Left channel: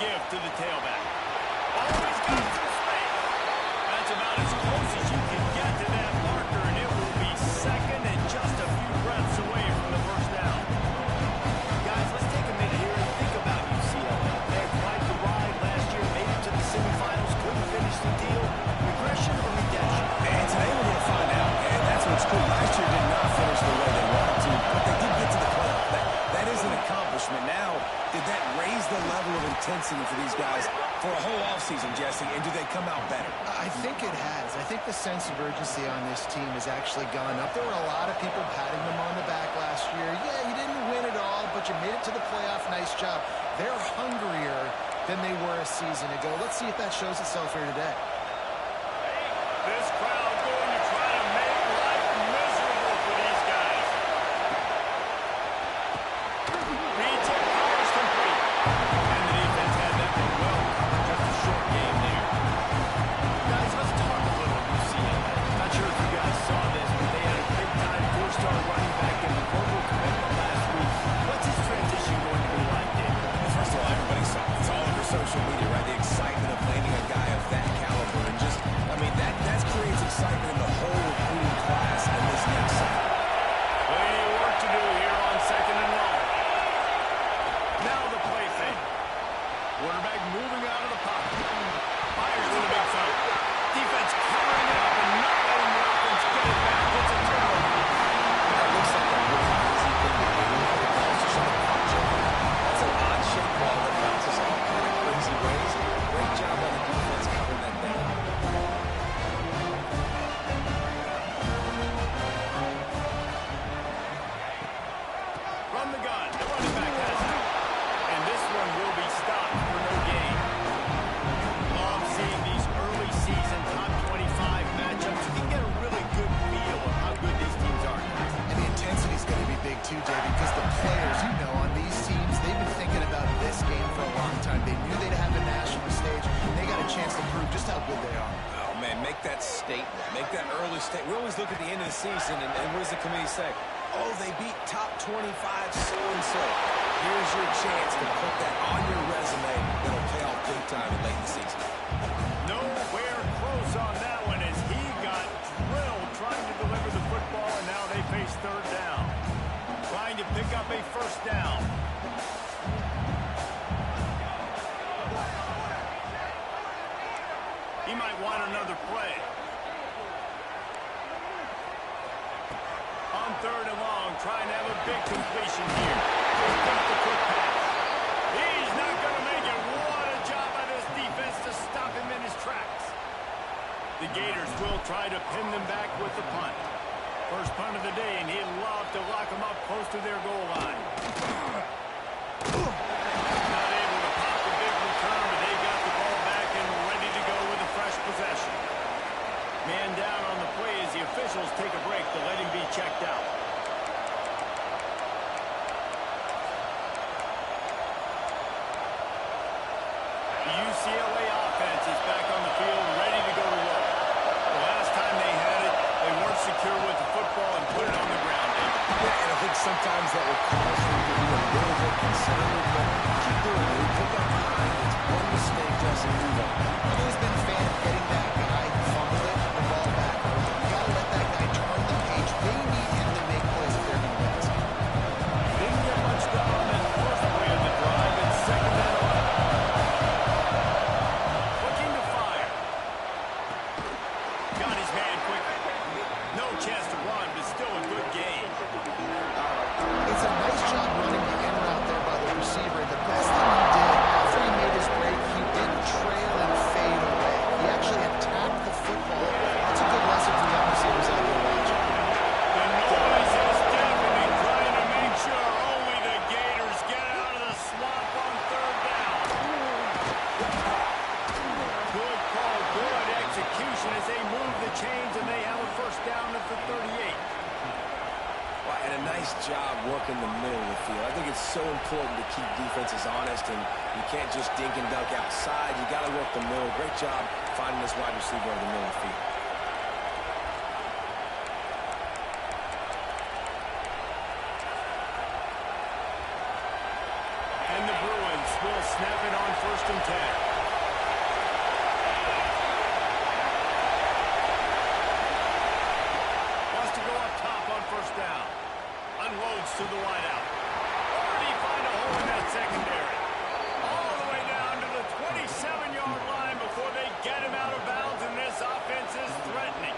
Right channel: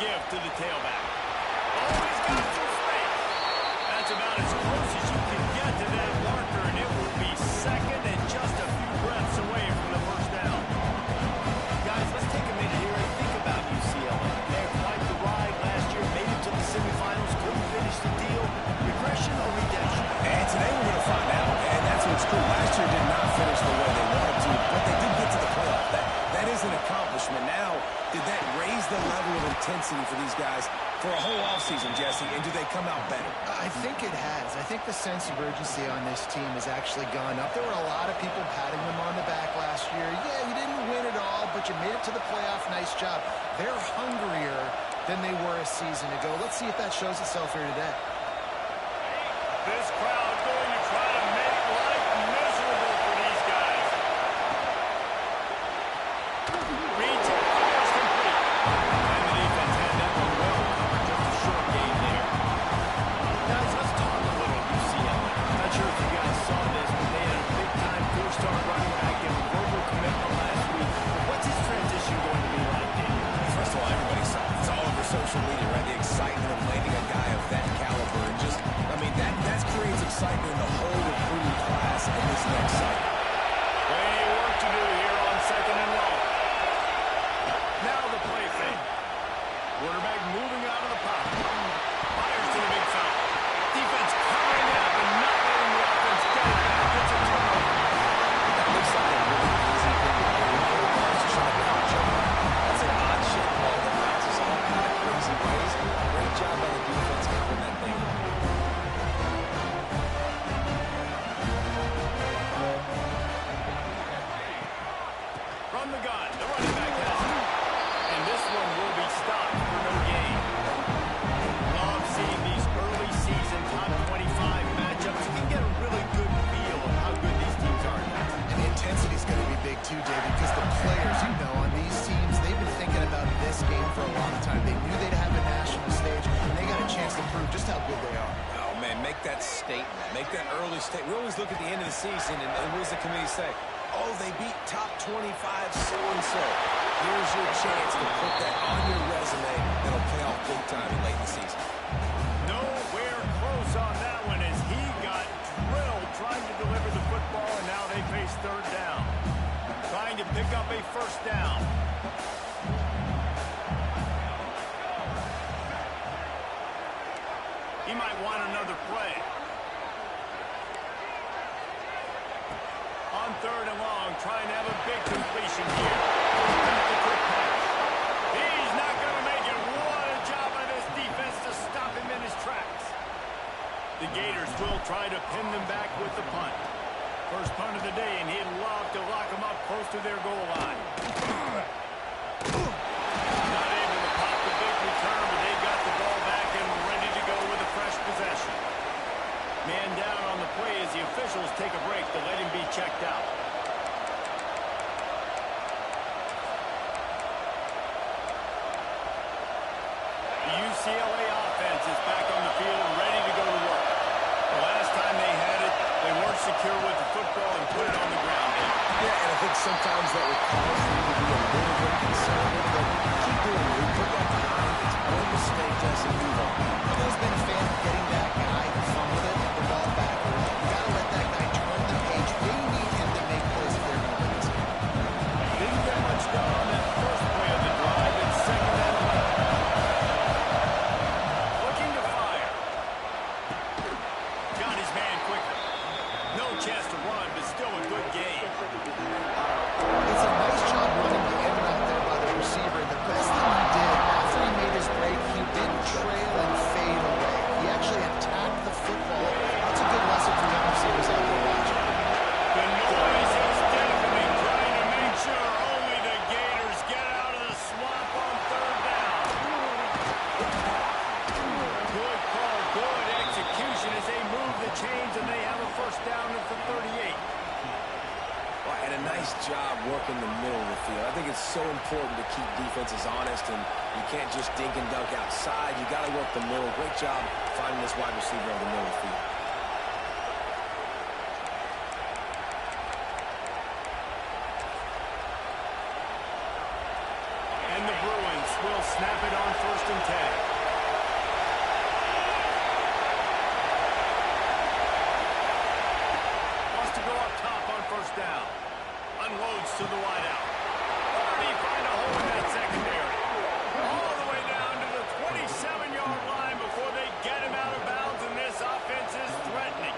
give to the tailback. Oh, he's got some space. That's about as close as you can get to that marker, and it will be second and just a few breaths away from the first down. Guys, let's take a minute here and think about UCLA. They had quite the ride last year, made it to the semifinals, couldn't finish the deal. Regression or redemption? And today we're going to find out. And that's what's cool. Last year did not finish the way they wanted to, but they did get to the playoff. That is an accomplishment. Now, did that raise the level of intensity for these guys for a whole offseason, Jesse? And do they come out better? I think it has. I think the sense of urgency on this team has actually gone up. There were a lot of people patting them on the back last year. Yeah, you didn't win it all, but you made it to the playoff. Nice job. They're hungrier than they were a season ago. Let's see if that shows itself here today. This crowd going to try to make life miserable for these guys. Reads it, fires complete. And the defense had that one well covered, just a short game there. Guys, let's talk a little UCLA. Not sure if you guys saw this, but they had a big-time four-star running back and a verbal commitment last week. What's his transition going to be like, David? First of all, everybody saw it. It's all over social media, right? The excitement of landing a guy of that caliber. And just, I mean, that creates excitement in the whole recruiting class in this next cycle. Plenty of work to do here on second and long. Now the play fake. Quarterback moving out of the pocket. Fires to the big side. Defense covering it up and not letting the offense get it back. It's a turnover. That looks like a really easy thing to do. The ball's just on the punch over. That's an odd-shaped ball that bounces all kind of crazy ways. Great job on the defense covering that thing up. From the gun, the running back has it. And this one will be stopped for no gain. Love seeing these early season top 25 matchups. You can get a really good feel of how good these teams are, guys. And the intensity is going to be big too, David, because the players, you know, on these teams, they've been thinking about this game for a long time. They knew they'd have a national stage, and they got a chance to prove just how good they are. Oh, man, make that statement. Make that early statement. We always look at the end of the season, and what does the committee say? Oh, they beat top 25 so-and-so. Here's your chance to put that on your resume that'll pay off big time late in the season. Nowhere close on that one as he got drilled trying to deliver the football, and now they face third down. Trying to pick up a first down. He might want another play. On third and long, trying to have a big completion here. Just a quick pass. He's not going to make it. What a job by this defense to stop him in his tracks. The Gators will try to pin them back with the punt. First punt of the day, and he'd love to lock them up close to their goal line. Not able to pop the big return, but they've got the ball back and ready to go with a fresh possession. Man down on the play as the officials take a break to let him be checked out. The UCLA offense is back on the field, ready to go to work. The last time they had it, they weren't secure with the football and put it on the ground, David. Yeah, and I think sometimes that will cause you to be a little bit conservative, but keep doing it. Put that behind. It's one mistake, Jesse, move on. I've always been a fan of getting that guy who fumbled it, the ball back early. You got to let that guy turn the page. They need him to make plays if they're going to win this game. Didn't get much done on that first play of the drive. It's second and 11. Looking to fire. Got his man quickly. No chance to run, but still a good game. It's a nice job running the in route there by the receiver. And the best thing he did after he made his break, he didn't trail and fade away. He actually attacked the football. That's a good lesson for young receivers out there watching. The noise is deafening, trying to make sure only the Gators get out of the swamp on third down. Good call, good execution as they move the chains and they have a first down at the 38. Well, and a nice job working the middle of the field. I think it's so important to keep defenses honest, and you can't just dink and dunk outside. You got to work the middle. Great job finding this wide receiver over the middle of the field. And the Bruins Colts will snap it on 1st and 10. Wants to go up top on 1st down. Unloads to the wideout. Or did he find a hole in that secondary? All the way down to the 27-yard line before they get him out of bounds, and this offense is threatening.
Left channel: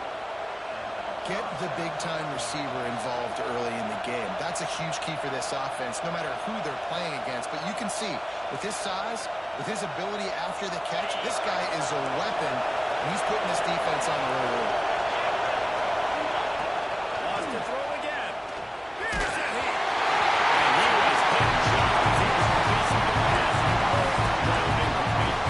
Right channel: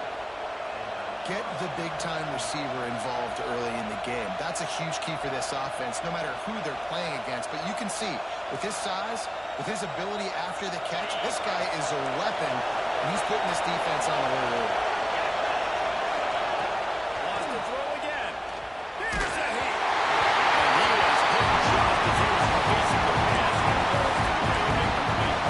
Get the big-time receiver involved early in the game. That's a huge key for this offense, no matter who they're playing against. But you can see, with his size, with his ability after the catch, this guy is a weapon, and he's putting this defense on alert early. Wants to throw again. Here's a heat. And he was hit just as he was releasing the pass, and it falls to the ground incomplete.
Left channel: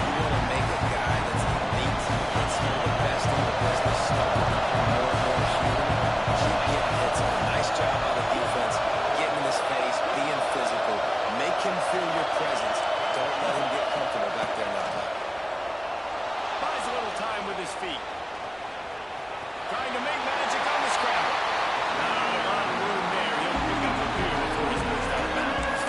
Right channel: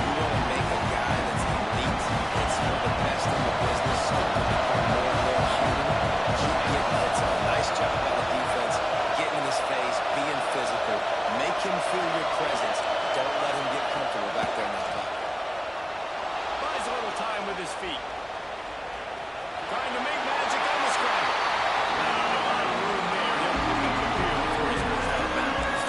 You want to make a guy that's elite, that's one of the best in the business, start to become more and more human. Keep getting hits on. Nice job by the defense, getting in his face, being physical. Make him feel your presence. Don't let him get comfortable back there in that pocket. Buys a little time with his feet. Trying to make magic on the scramble. Not a lot of room there. He'll pick up the field before he's pushed out of bounds.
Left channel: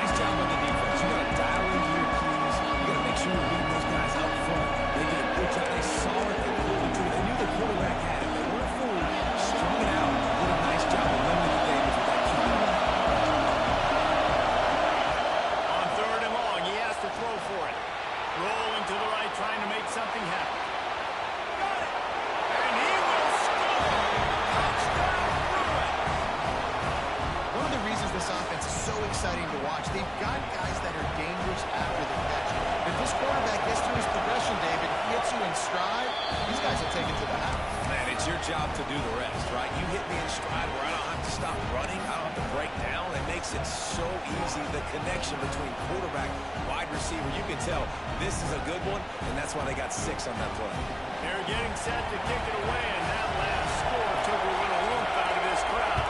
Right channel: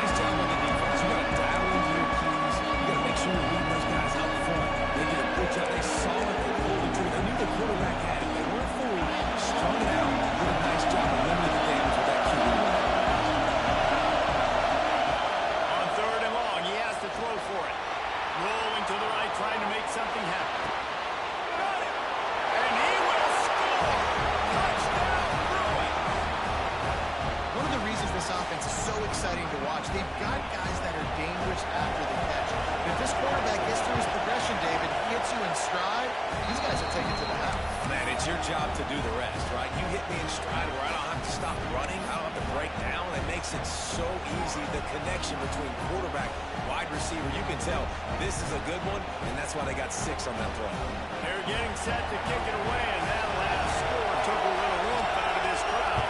Nice job on the defense. You got to dial into your keys. You got to make sure you're reading those guys up front. They did a good job. They saw it. They pulled the trigger. They knew the quarterback had it. They weren't fooled. Strung it out. Did a nice job of limiting the damage with that QB run. On 3rd and long, he has to throw for it. Rolling to the right, trying to make something happen. Got it. And he will score. Touchdown, Bruins. One of the reasons this offense is so exciting to watch, they've got guys that are dangerous after the catch. If this quarterback gets through his progression, David, he hits you in stride, these guys will take it to the house. Man, it's your job to do the rest, right? You hit me in stride where I don't have to stop running. I don't have to break down. It makes it so easy, the connection between quarterback, wide receiver. You can tell this is a good one, and that's why they got 6 on that play. They're getting set to kick it away, and that last score took a little oomph out of this crowd.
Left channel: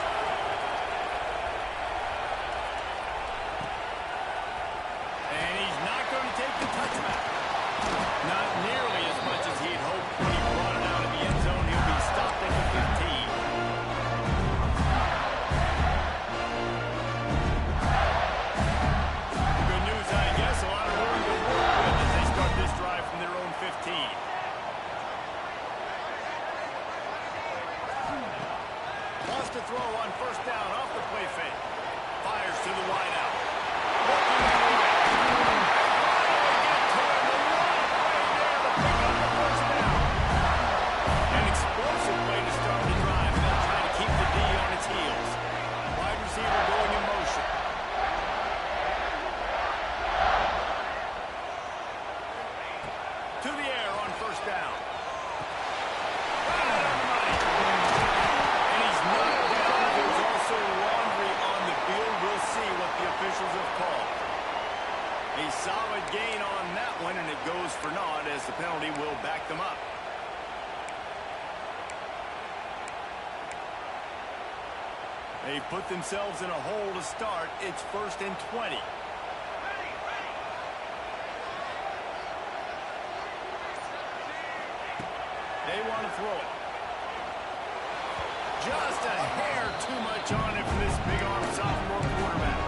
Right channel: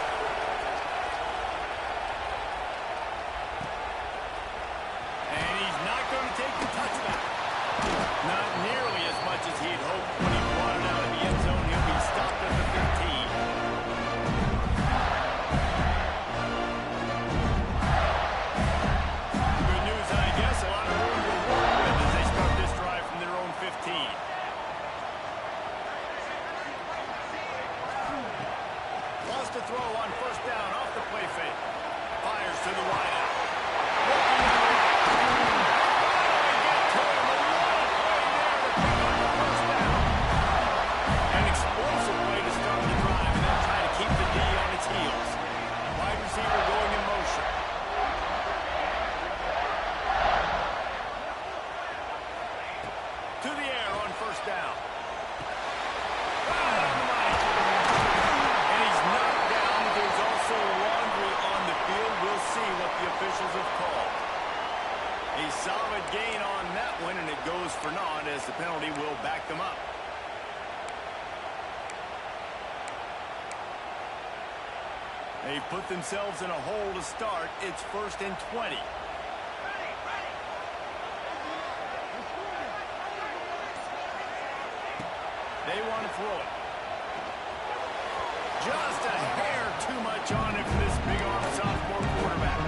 And he's not going to take the touchback. Not nearly as much as he'd hoped when he brought it out of the end zone. He'll be stopped at the 15. Good news, I guess. A lot of room to work with as they start this drive from their own 15. Wants to throw on 1st down off the play fake. Fires to the wideout. Working on the right. And finally get to him. A lot of play there to pick up the 1st down. An explosive play to start the drive, and they'll try to keep the D on its heels. Wide receiver going in motion. To the air on 1st down. Right on the money. And he's knocked down. There's also laundry on the field. We'll see what the officials have called. A solid gain on that one, and it goes for naught as the penalty will back them up. They've put themselves in a hole to start. It's 1st and 20. They want to throw it. Just a hair too much on it from this big-arm sophomore quarterback.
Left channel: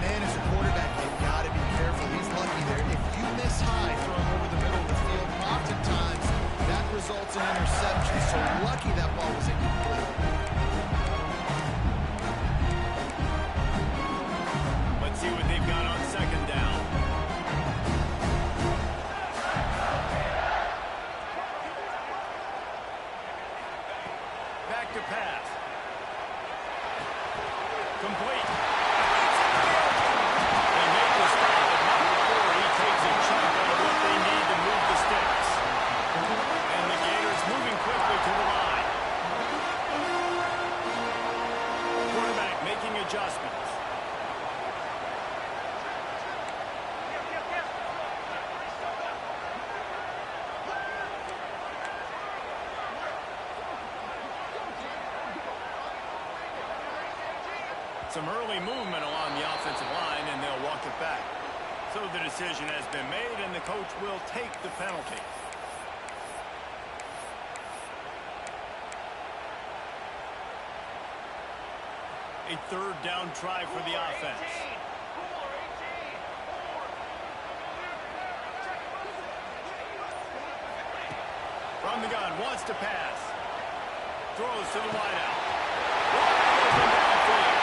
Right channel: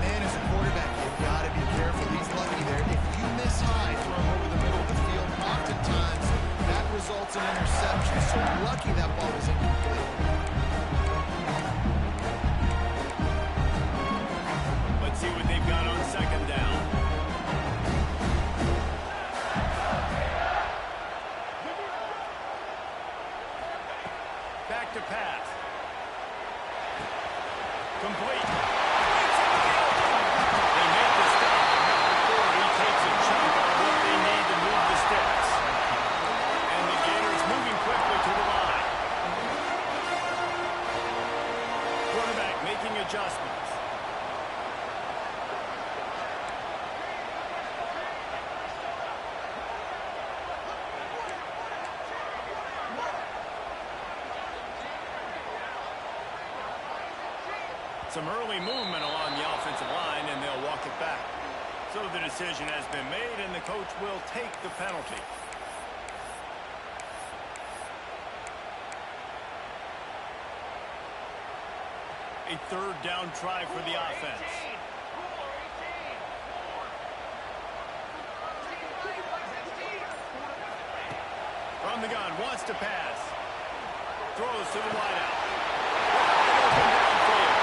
Man, as a quarterback, you've got to be careful. He's lucky there. If you miss high throwing over the middle of the field, oftentimes that results in interception. So lucky that ball was incomplete. Let's see what they've got on 2nd down. Back to pass. Complete. They make the stop, but not before he takes a chunk out of what they need to move the sticks. And the Gators moving quickly to the line. Quarterback making adjustments. Some early movement along the offensive line, and they'll walk it back. So the decision has been made, and the coach will take the penalty. A 3rd down try for the offense. From the gun, wants to pass. Throws to the wideout. Wide open downfield.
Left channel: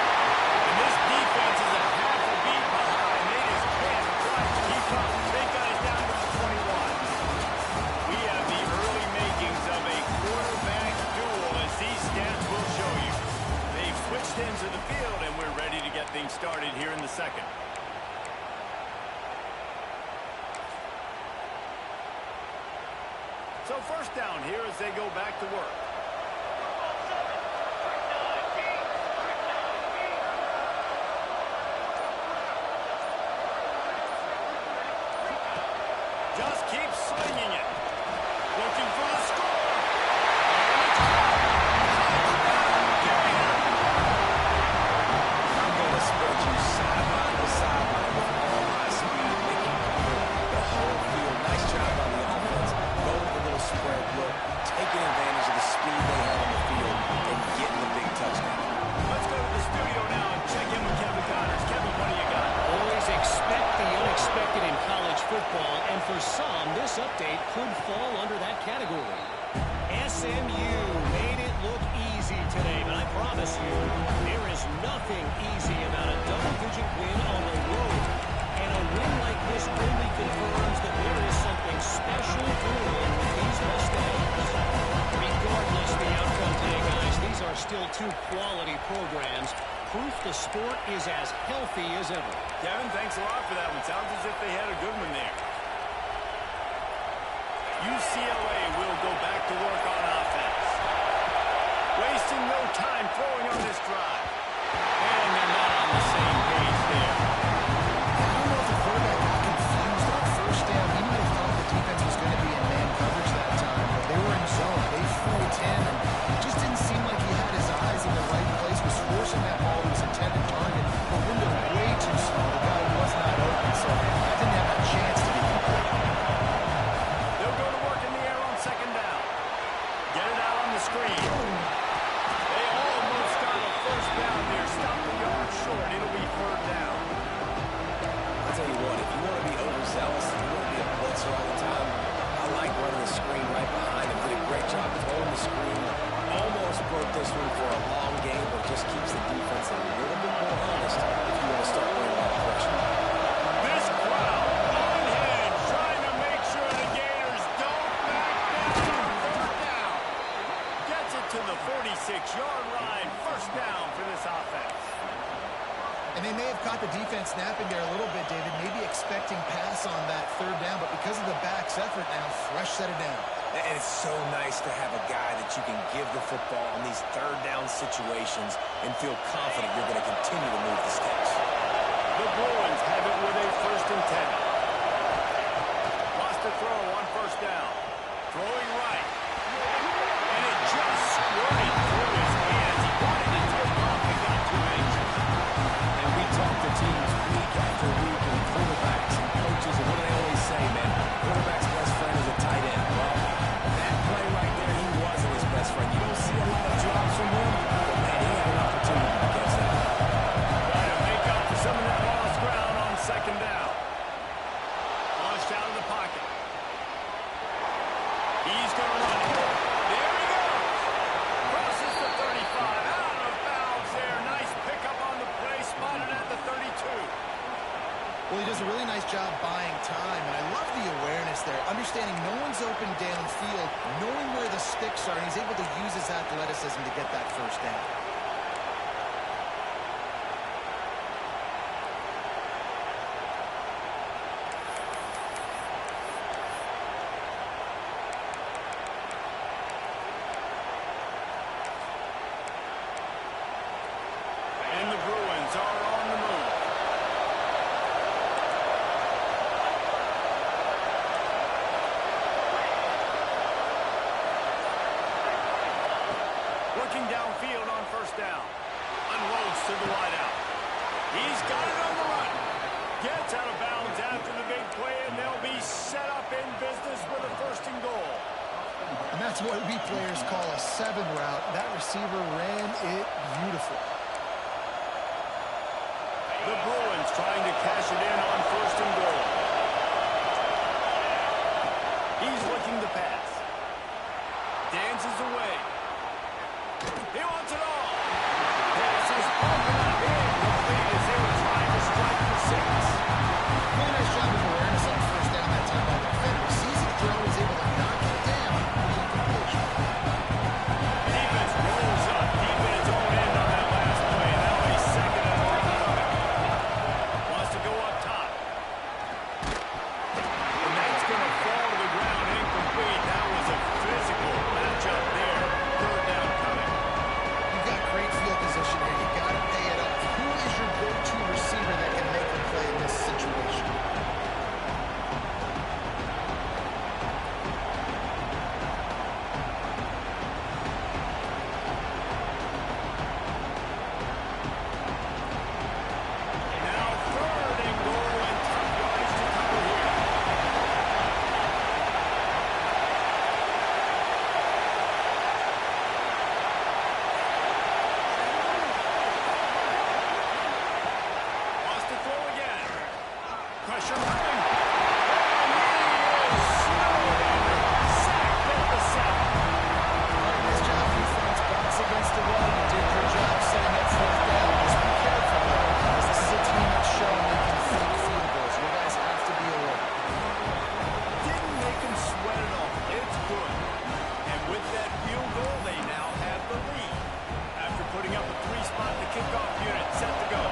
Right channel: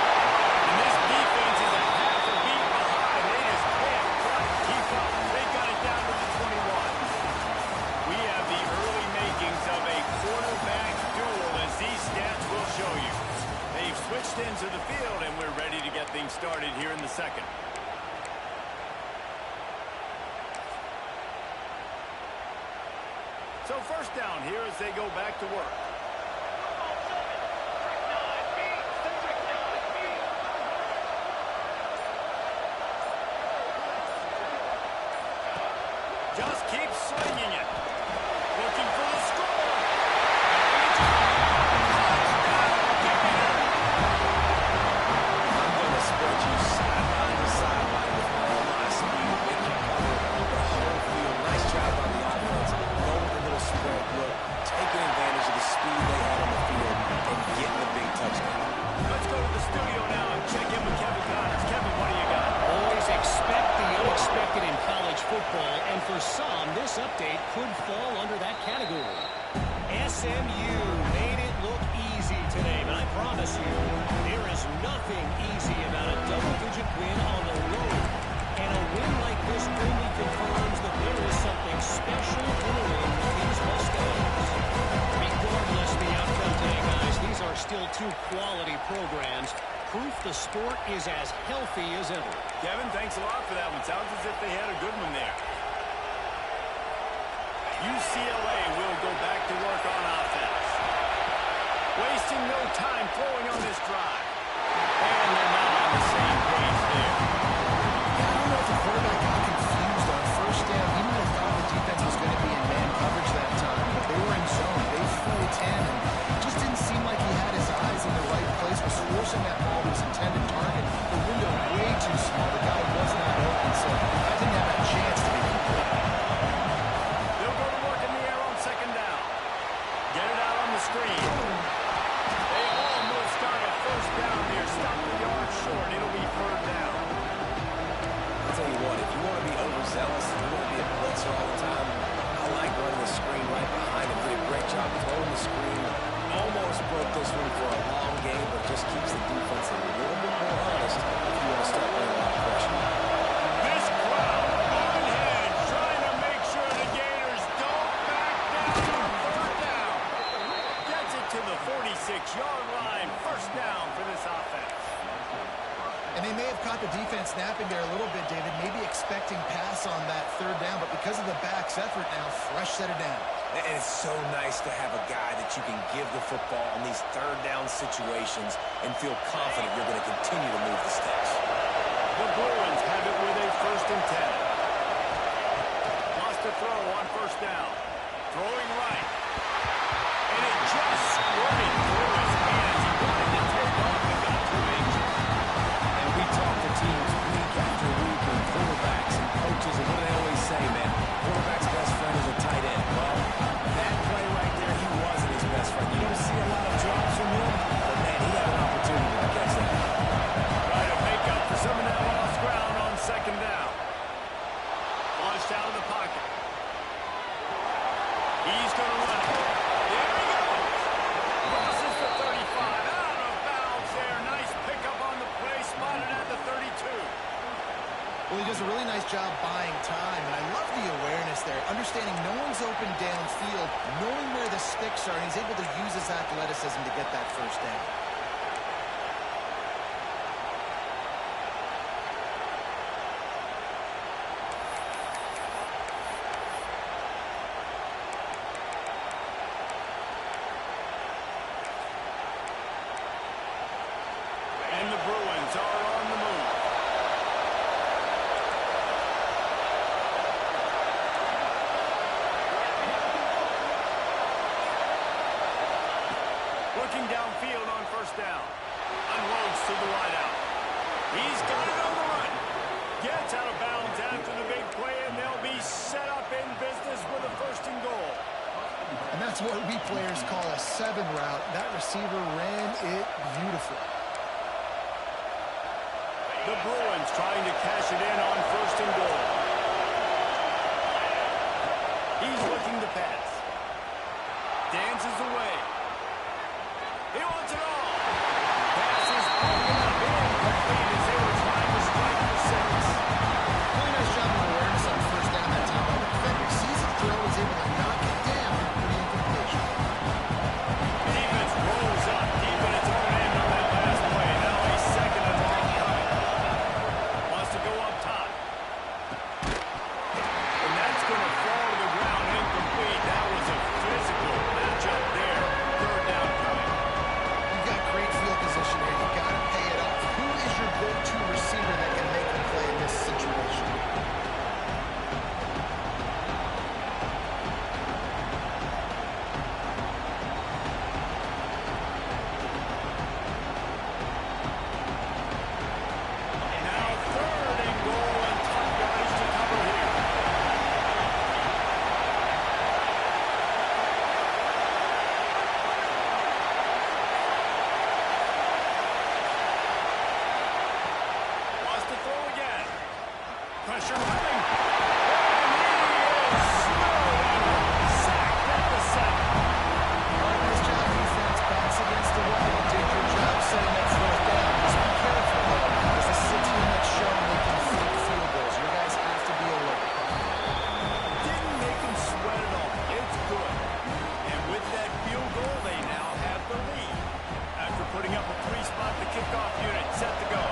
And this defense is a half a beat behind. They just can't quite keep up. They got it down to the 21. We have the early makings of a quarterback duel, as these stats will show you. They've switched into the field, and we're ready to get things started here in the second. So first down here as they go back to work. Just keeps slinging it. Looking for the score. And it's caught. Touchdown, Gator! I'm going to spread you sideline to sideline with all my speed. Make you cover the whole field. Nice job by the offense. Go with a little spread look. Taking advantage of the speed they had on the field and getting the big touchdown. Let's go to the studio now and check in with Kevin Connors. Kevin, what do you got? Always expect the unexpected in college football, and for some, this update could fall under that category. SMU made it look easy today, but I promise you, there is nothing easy about a double-digit win on the road. And a win like this only confirms that there is something special brewing with these Mustangs. Regardless the outcome today, guys, these are still two quality programs. Proof the sport is as healthy as ever. Kevin, thanks a lot for that one. Sounds as if they had a good one there. UCLA will go back to work on offense. Wasting no time throwing on this drive. And they're not on the same page there. Yeah, I don't know if the quarterback got confused on first down. He might have thought the defense was going to be in man coverage that time, but they were in zone. They fooled him, and it just didn't seem like he had his eyes in the right place, was forcing that ball to his intended target. The window way too small. The guy was not open, so that didn't have a chance to be complete. They'll go to work in the air on second down. Get it out on the screen. They almost got a first down there. Stop the yard short. It'll be third down. I'll tell you what, if you want to be overzealous, if you want to be a blitzer all the time, I like running the screen right behind him. Did a great job throwing the screen. Almost broke this one for a long game, but just keeps the defense a little bit more honest if you want to start putting a lot of pressure. This crowd unhinged, trying to make sure the Gators don't back down on third down. Gets it to the 46-yard line. First down for this offense. And they may have caught the defense napping there a little bit, David, maybe expecting pass on that third down, but because of the back's effort now, fresh set of down. And it's so nice to have a guy that you can give the football on these third down situations and feel confident you're going to continue to move the sticks. The Bruins have it with a 1st and 10. Wants to throw on first down. Throwing right. And it just squirted through his hands. He wanted to take off and got 2 inches. And we talk to teams week after week and quarterbacks and coaches, and what do they always say, man? Quarterback's best friend is a tight end. Well, that play right there, he wasn't his best friend. You don't see a lot of drops from him, but, man, he had an opportunity to catch that. Try to make up for some of that lost ground on second down. Launched out of the pocket. He's going to run it. There he goes. Crosses the 35. Out of bounds there. Nice pickup on the play. Spotted at the 32. Well, he does a really nice job buying time, and I love the awareness there, understanding no one's open downfield, knowing where the sticks are, and he's able to use his athleticism to get that first down. And the Bruins are on the move. Looking downfield on first down. Unloads to the wideout. He's got it on the run. Gets out of bounds after the big play, and they'll be set up in business with a 1st and goal. And that's what we players call a 7 route. That receiver ran it beautiful. The Bruins trying to cash it in on 1st and goal. He's looking to pass. dances away. He wants it all. Pass is broken up. Incomplete as they were trying to strike for 6. Really nice job of awareness on first down that time by the defender. He sees it throw, is able to knock it down for the incompletion. Defense rolls up deep in its own end on that last play. Now a second and long coming. Wants to go up top. And that's going to fall to the ground incomplete. That was a physical matchup there. Third down coming. You've got great field position here. You've got to pay it off. Who is your go-to receiver that can make the play in this situation? Now third and goal and tough yardage to cover here. Wants to throw again. Pressure coming. And he is snowed under. Sacked at the 7. All right, nice job, defense. Backs against the wall. You did your job setting up fourth down. Just be careful, though, because this is a team that's shown they can fake field goals. Your guys have to be alert. Didn't make him sweat at all. It's good. And with that field goal, they now have the lead. After putting up a 3-spot, the kickoff unit set to go.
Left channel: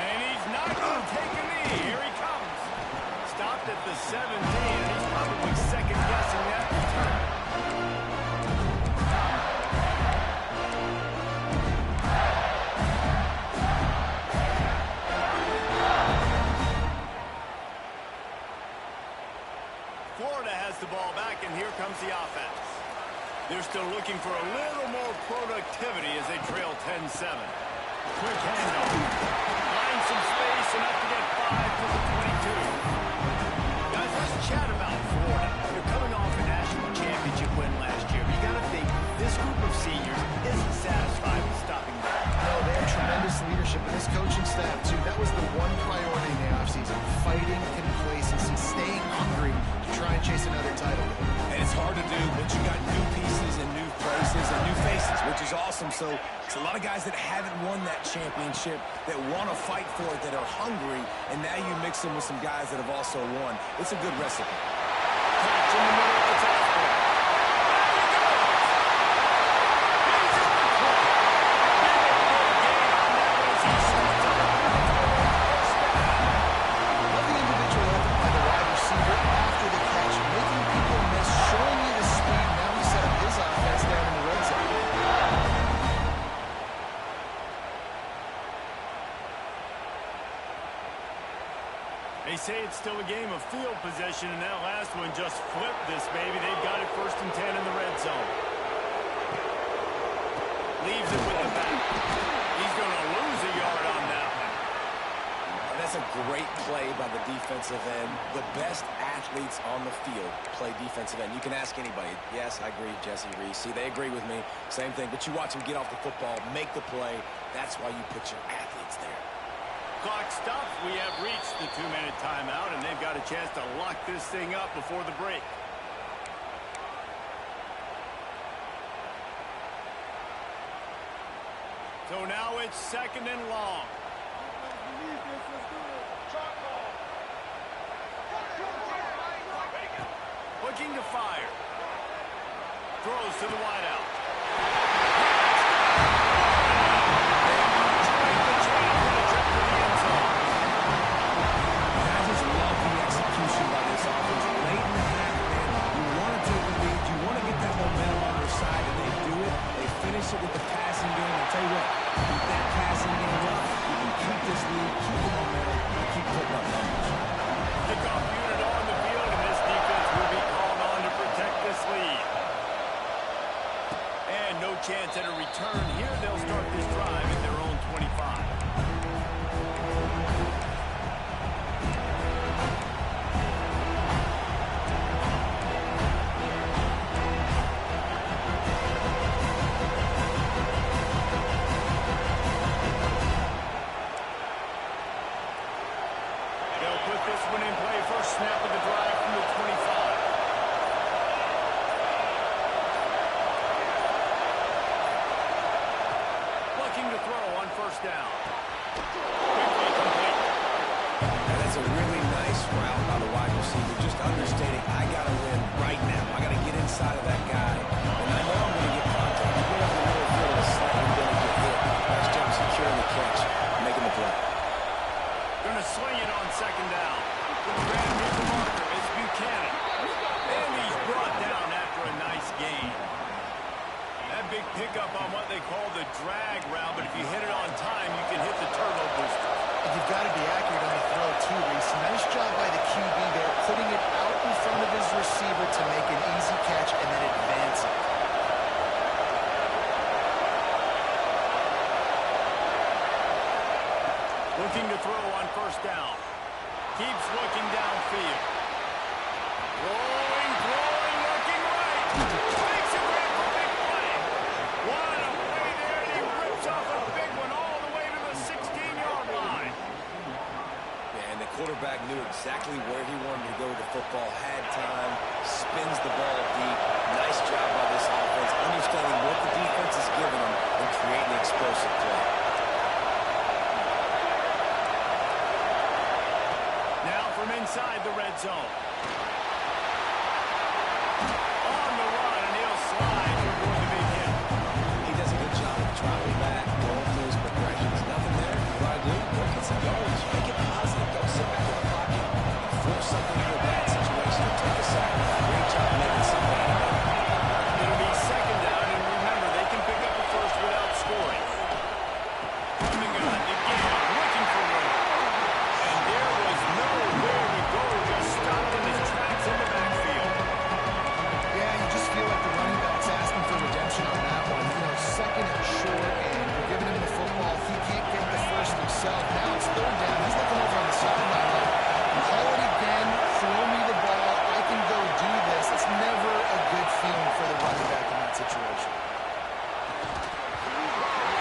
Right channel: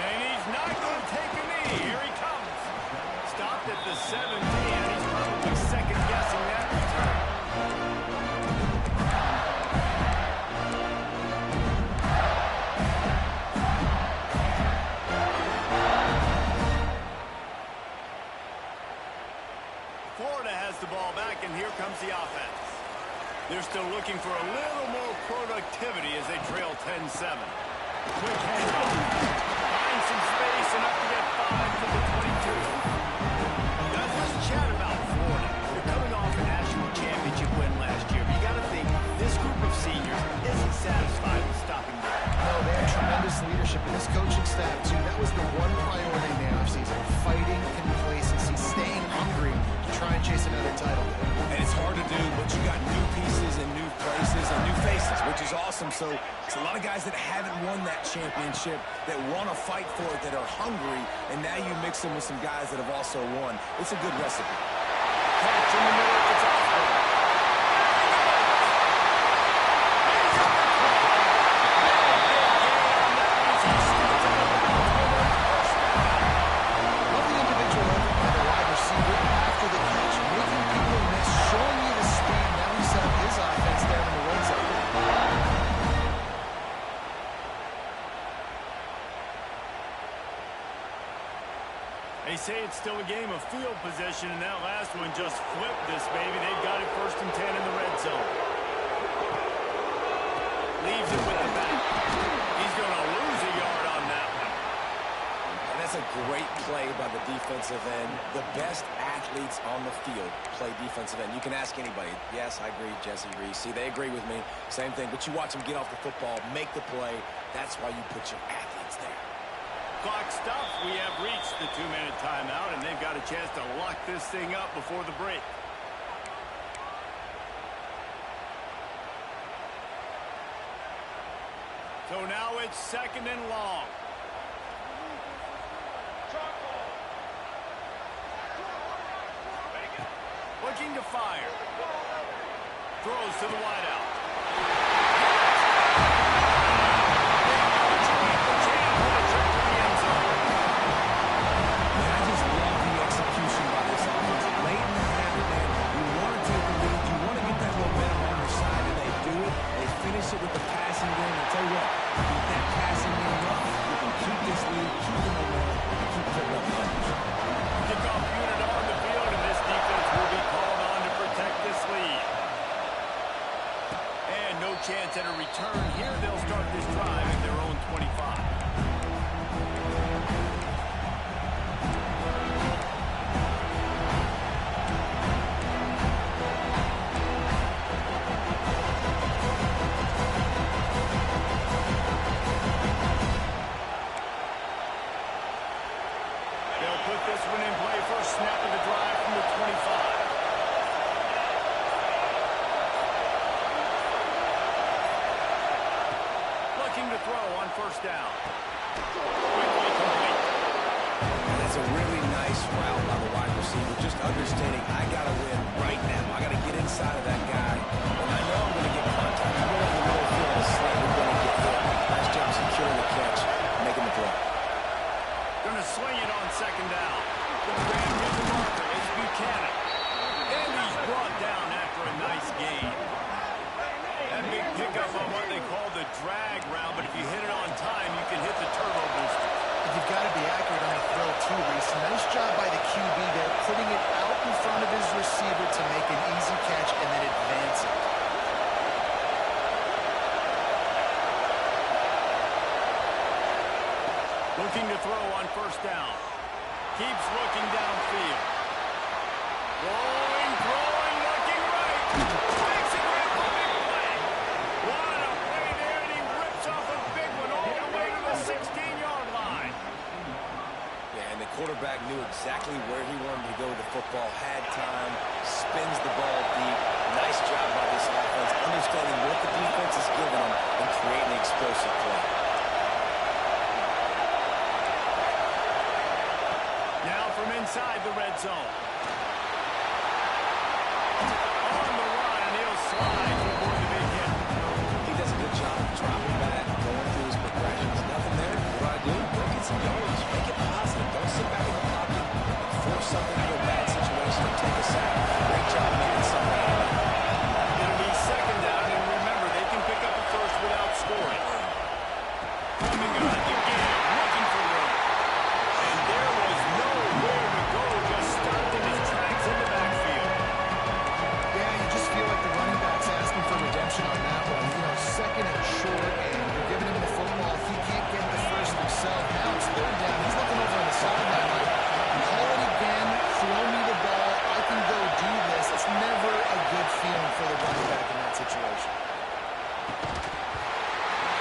And he's not going to take a knee. Here he comes. Stopped at the 17, and he's probably second-guessing that return. Florida has the ball back, and here comes the offense. They're still looking for a little more productivity as they trail 10-7. Quick handoff. Finds some space, enough to get 5 to the 22. Guys, let's chat about Florida. They're coming off a national championship win last year, but you got to think this group of seniors isn't satisfied with stopping there. No, they have tremendous leadership in this coaching staff, too. That was the one priority in the offseason. Fighting complacency, staying hungry to try and chase another title. And it's hard to do, but you got new pieces and new places and new faces, which is awesome. So it's a lot of guys that haven't won that championship that want to fight for it, that are hungry, and now you mix them with some guys that have also won. It's a good recipe. Catch in the middle, it's Osborne. There he goes! He's at the 20. Big gain on that one as he steps out of bounds with a first down. Love the individual effort by the wide receiver after the catch, making people miss, showing you the speed. Now he set up his offense down in the red zone. They say it's still a game of field possession, and that last one just flipped this baby. They've got it 1st and 10 in the red zone. Leaves it with the back. He's going to lose a yard on that one. And that's a great play by the defensive end. The best athletes on the field play defensive end. You can ask anybody. Yes, I agree, Jesse Reese. See, they agree with me. Same thing. But you watch them get off the football, make the play. That's why you put your athletes there. Clock stops. We have reached the 2-minute timeout, and they've got a chance to lock this thing up before the break. So now it's 2nd and long. Looking to fire. Throws to the wideout. They punctuate the chance with a trip to the end zone. And I just love the execution by this offense. Late in the half, man, you want to take the lead. You want to get that momentum on your side, and they do it. They finish it with the passing game. And tell you what, keep that passing game up. You can keep this lead, keep the momentum, and keep putting up numbers. Kickoff unit on the field, and this defense will be called on to protect this lead. And no chance at a return here. They'll start this drive at their own 25. They'll put this one in play first snap of the drive from the 25. Looking to throw on first down. Quickly complete. And that's a really nice route by the wide receiver, just understanding I got to win right now. I got to get inside of that guy, and I know I'm going to get contact. You go over the middle field and slightly going to get hit. Nice job securing the catch, making the play. Going to sling it on second down. The grab near the marker is Buchanan. And he's brought down after a nice gain. That big pickup on what they call the drag route, but if you hit it on time, you can hit the turbo booster. And you've got to be accurate on the throw, too, Reese. Nice job by the QB there, putting it out in front of his receiver to make an easy catch and then advance it. Looking to throw on first down. Keeps looking downfield. Rolling, throwing, looking right. Makes a great big play. What a play there, and he rips off a big one all the way to the 16-yard line. Yeah, and the quarterback knew exactly where he wanted to go with the football, had time, spins the ball deep. Nice job by this offense, understanding what the defense is giving them and creating the explosive play. Now from inside the red zone. On the run, and he'll slide to avoid the big hit. He does a good job of dropping back, going through his progressions. Nothing there. What do? Go get some yards. Make it positive. Don't sit back in the pocket and force something into a bad situation or take a sack. Great job making something out of it. It'll be second down, and remember, they can pick up a first without scoring. From the gun again, looking for room. And there was nowhere to go, just stopped in his tracks in the backfield. Yeah, you just feel like the running back's asking for redemption on that one. You know, second and short, and you're giving him the football. He can't get the first himself. Now it's third down. He's looking over on the sideline like, call it again, throw me the ball, I can go do this. It's never a good feeling for the running back in that situation.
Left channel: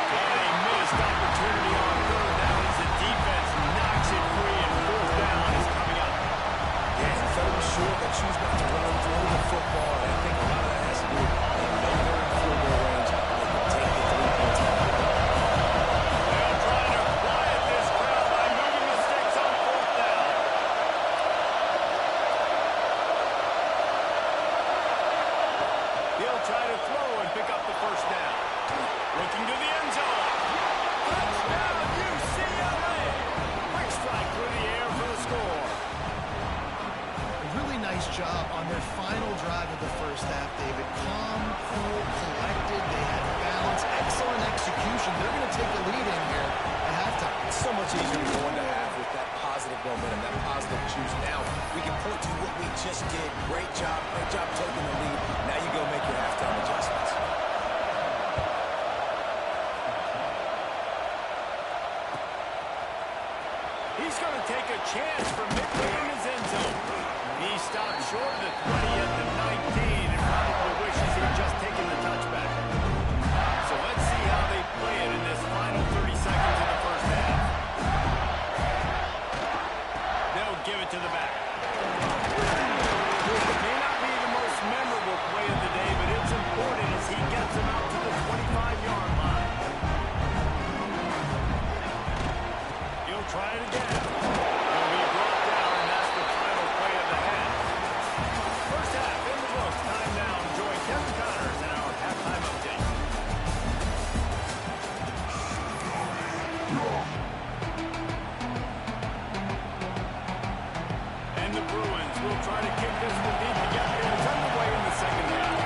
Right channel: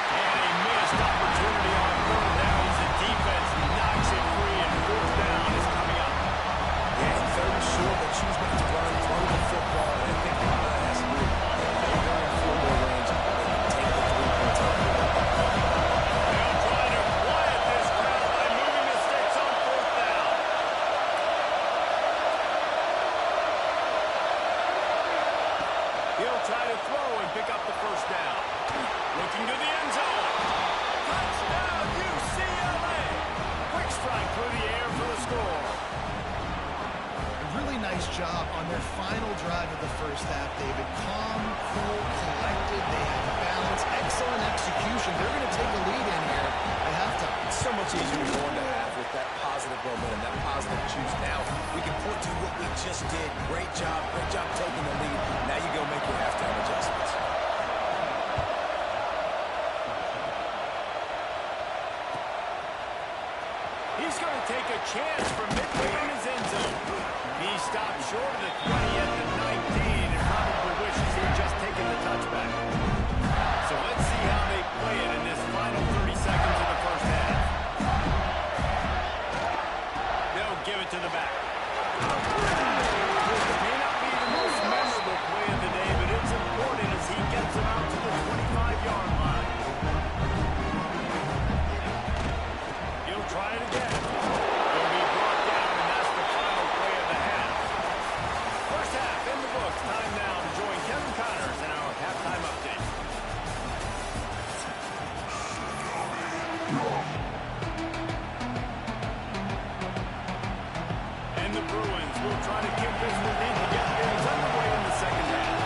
And a missed opportunity on third down as the defense knocks it free, and fourth down is coming up. Yeah, and third and short, they choose not to run, throw the football, and I think a lot of that has to do with they know they're in field goal range. They can take the 3 points on the board. They'll try to quiet this crowd by moving the sticks on fourth down. He'll try to throw and pick up the first down. Looking to the end zone. Touchdown, UCLA! Quick strike through the air for the score. A really nice job on their final drive of the first half, David. Calm, cool, collected. They had balance, excellent execution. They're going to take a lead in here at halftime. It's so much easier to go into half with that positive momentum, that positive juice. Now we can point to what we just did. Great job taking the lead. Now you go make your halftime adjustments. He's going to take a chance from midway in his end zone. He stopped short of the 20 at the 19 and probably wishes he'd just taken the touchback. So let's see how they play it in this final 30 seconds of the first half. They'll give it to the back. It may not be the most memorable play of the day, but it's important as he gets him out to the 25-yard line. He'll try it again. He'll be brought down, and that's the final play of the half. First half in the books. Time now to join Kevin Connors in our halftime update. And the Bruins will try to kick this one deep to get things underway in the second half.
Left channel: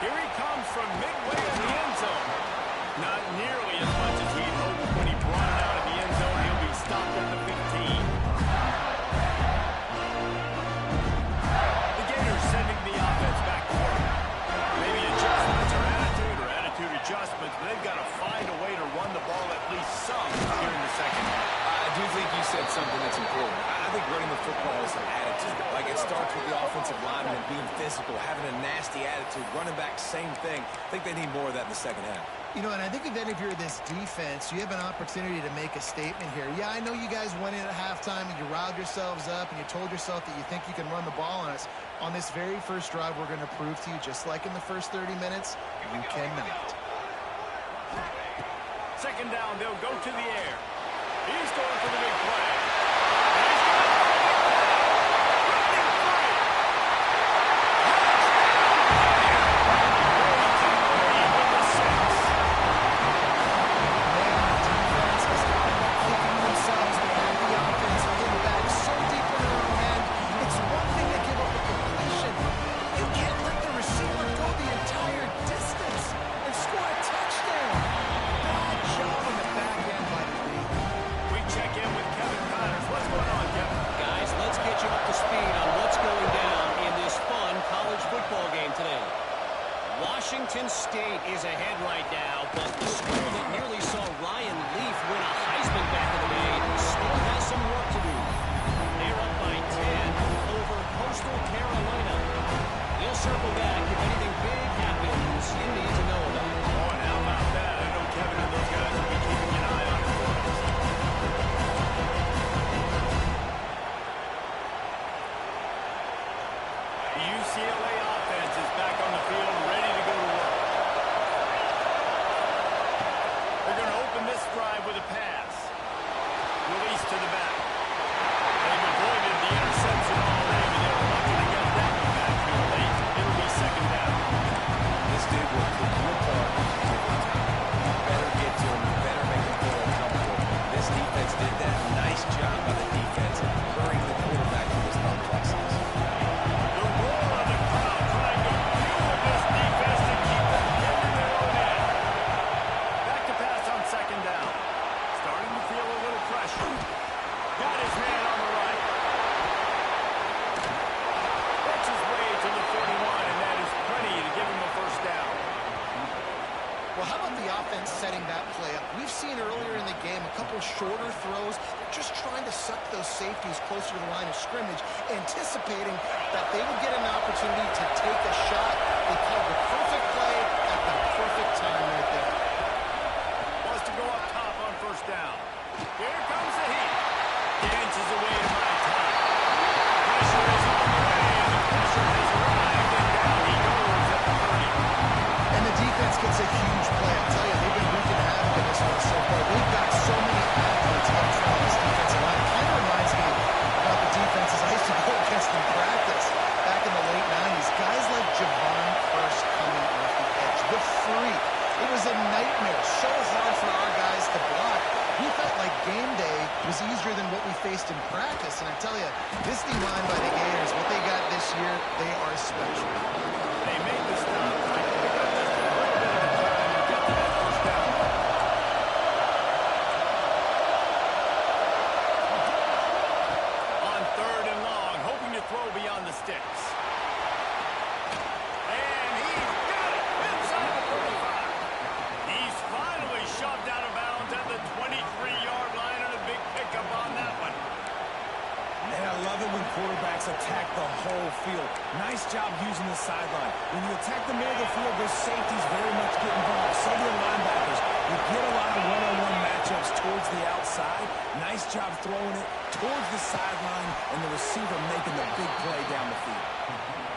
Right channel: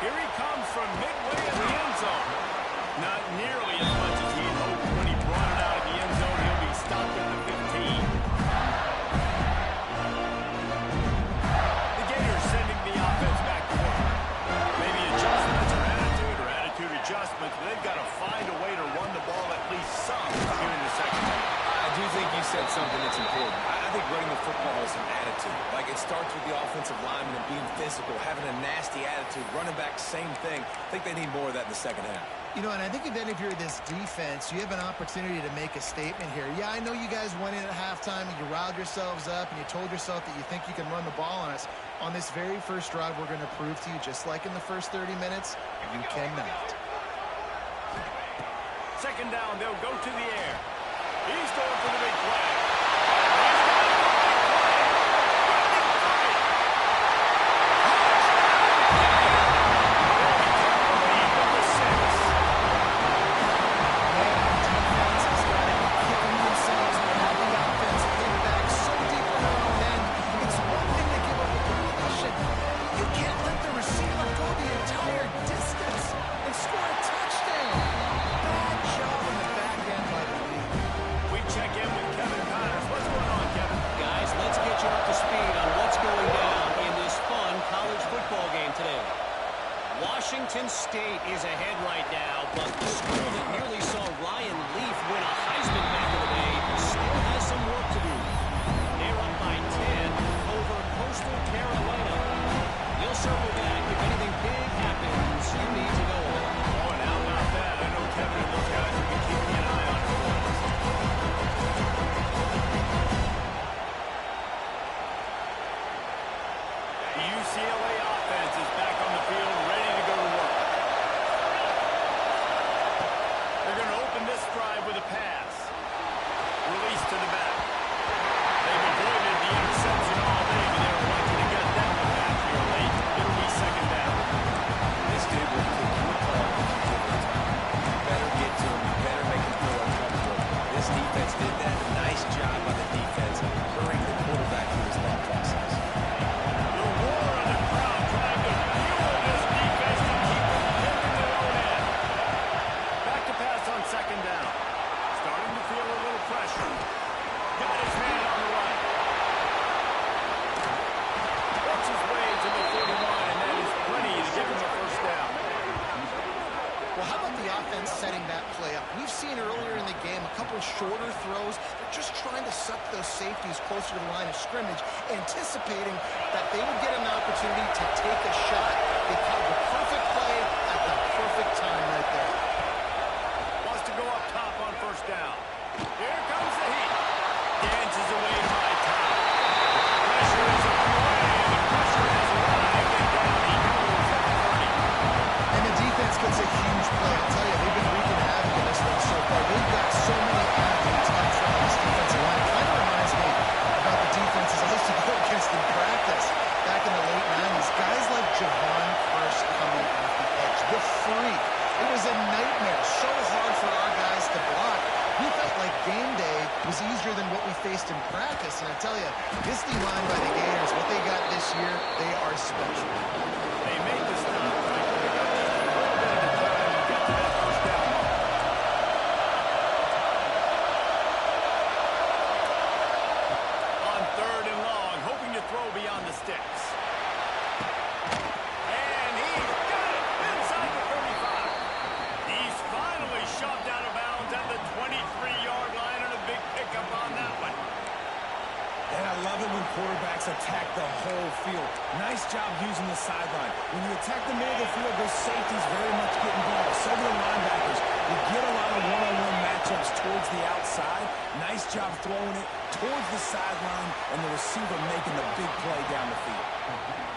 Here he comes from midway in the end zone. Not nearly as much as he'd hoped when he brought it out of the end zone. He'll be stopped at the 15. The Gators sending the offense back to work. Maybe adjustments or attitude adjustments, but they've got to find a way to run the ball at least some here in the second half. I do think you said something that's important. I think running the football is an attitude. Like, it starts with the offensive lineman and being physical, having a nasty attitude. Running back, same thing. I think they need more of that in the second half. You know, and I think if you're this defense, you have an opportunity to make a statement here. Yeah, I know you guys went in at halftime and you riled yourselves up and you told yourself that you think you can run the ball on us. On this very first drive, we're going to prove to you, just like in the first 30 minutes, you cannot. Second down, they'll go to the air. He's going for the big play. He's going for the big play. Running free. Touchdown, Gator. They take the lead with the 6. Man, the defense has got to be kicking themselves. They have the offense pinned back so deep in their own end. It's one thing to give up a completion. You can't let the receiver go the entire distance and score a touchdown. Bad job on the back end by the league. We check in with Kevin Connors. What's going on, Kevin? Guys, let's get you up to speed on what's going down in this fun college football game today. Washington State is ahead right now, but the school that nearly saw Ryan Leaf win a Heisman back in the day still has some work to do. They're up by 10 over Coastal Carolina. We'll circle back if anything big happens you need to know about. Oh, and how about that? I know Kevin and those guys will be keeping an eye on it for us. The UCLA offense is back on the field, ready to go to work. They're going to open this drive with a pass. Release to the back. They've avoided the interception all day, but they were lucky to get that one back here late. It'll be second down. This dude will pick you apart if you give him time. You better get to him. You better make him feel uncomfortable. This defense did that. Nice job by the defense, hurrying the quarterback through his thought process. The roar of the crowd trying to fuel this defense to keep them pinned in their own end. Back to pass on second down. Starting to feel a little pressure. Got his man on the right. Works his way to the 41, and that is plenty to give him a first down. Well, how about the offense setting that play up? We've seen earlier in the game a couple shorter throws. They're just trying to suck those safeties closer to the line of scrimmage, anticipating that they would get an opportunity to take a shot. They called the perfect play at the perfect time right there. Wants to go up top on first down. Here comes the heat. Dances away to my top. Pressure is on the way, and the pressure has arrived, and down he goes at the 30. And the defense gets a huge play. I'll tell you, they've been wreaking havoc in this one so far. They've got so many athletes up front on this defensive line. It kind of reminds me about the defenses I used to go against in practice back in the late 90s. Guys like Javon Curse coming off the edge. The freak. It was a nightmare. So hard for our guys to block. We felt like game day was easier than what we faced in practice. And I tell you, this D-line by the Gators, what they got this year, they are special. They made the stop. Right? They got just a little bit at a time and get to that first down. On third and long, hoping to throw beyond the sticks. And he's got it inside the 35. He's finally shoved out of bounds at the 23-yard line, and a big pickup on that one. And I love it when quarterbacks attack the whole field. Nice job using the sideline. When you attack the middle of the field, those safeties very much get involved. So do the linebackers. You get a lot of one-on-one matchups towards the outside. Nice job throwing it towards the sideline, and the receiver making the big play down the field.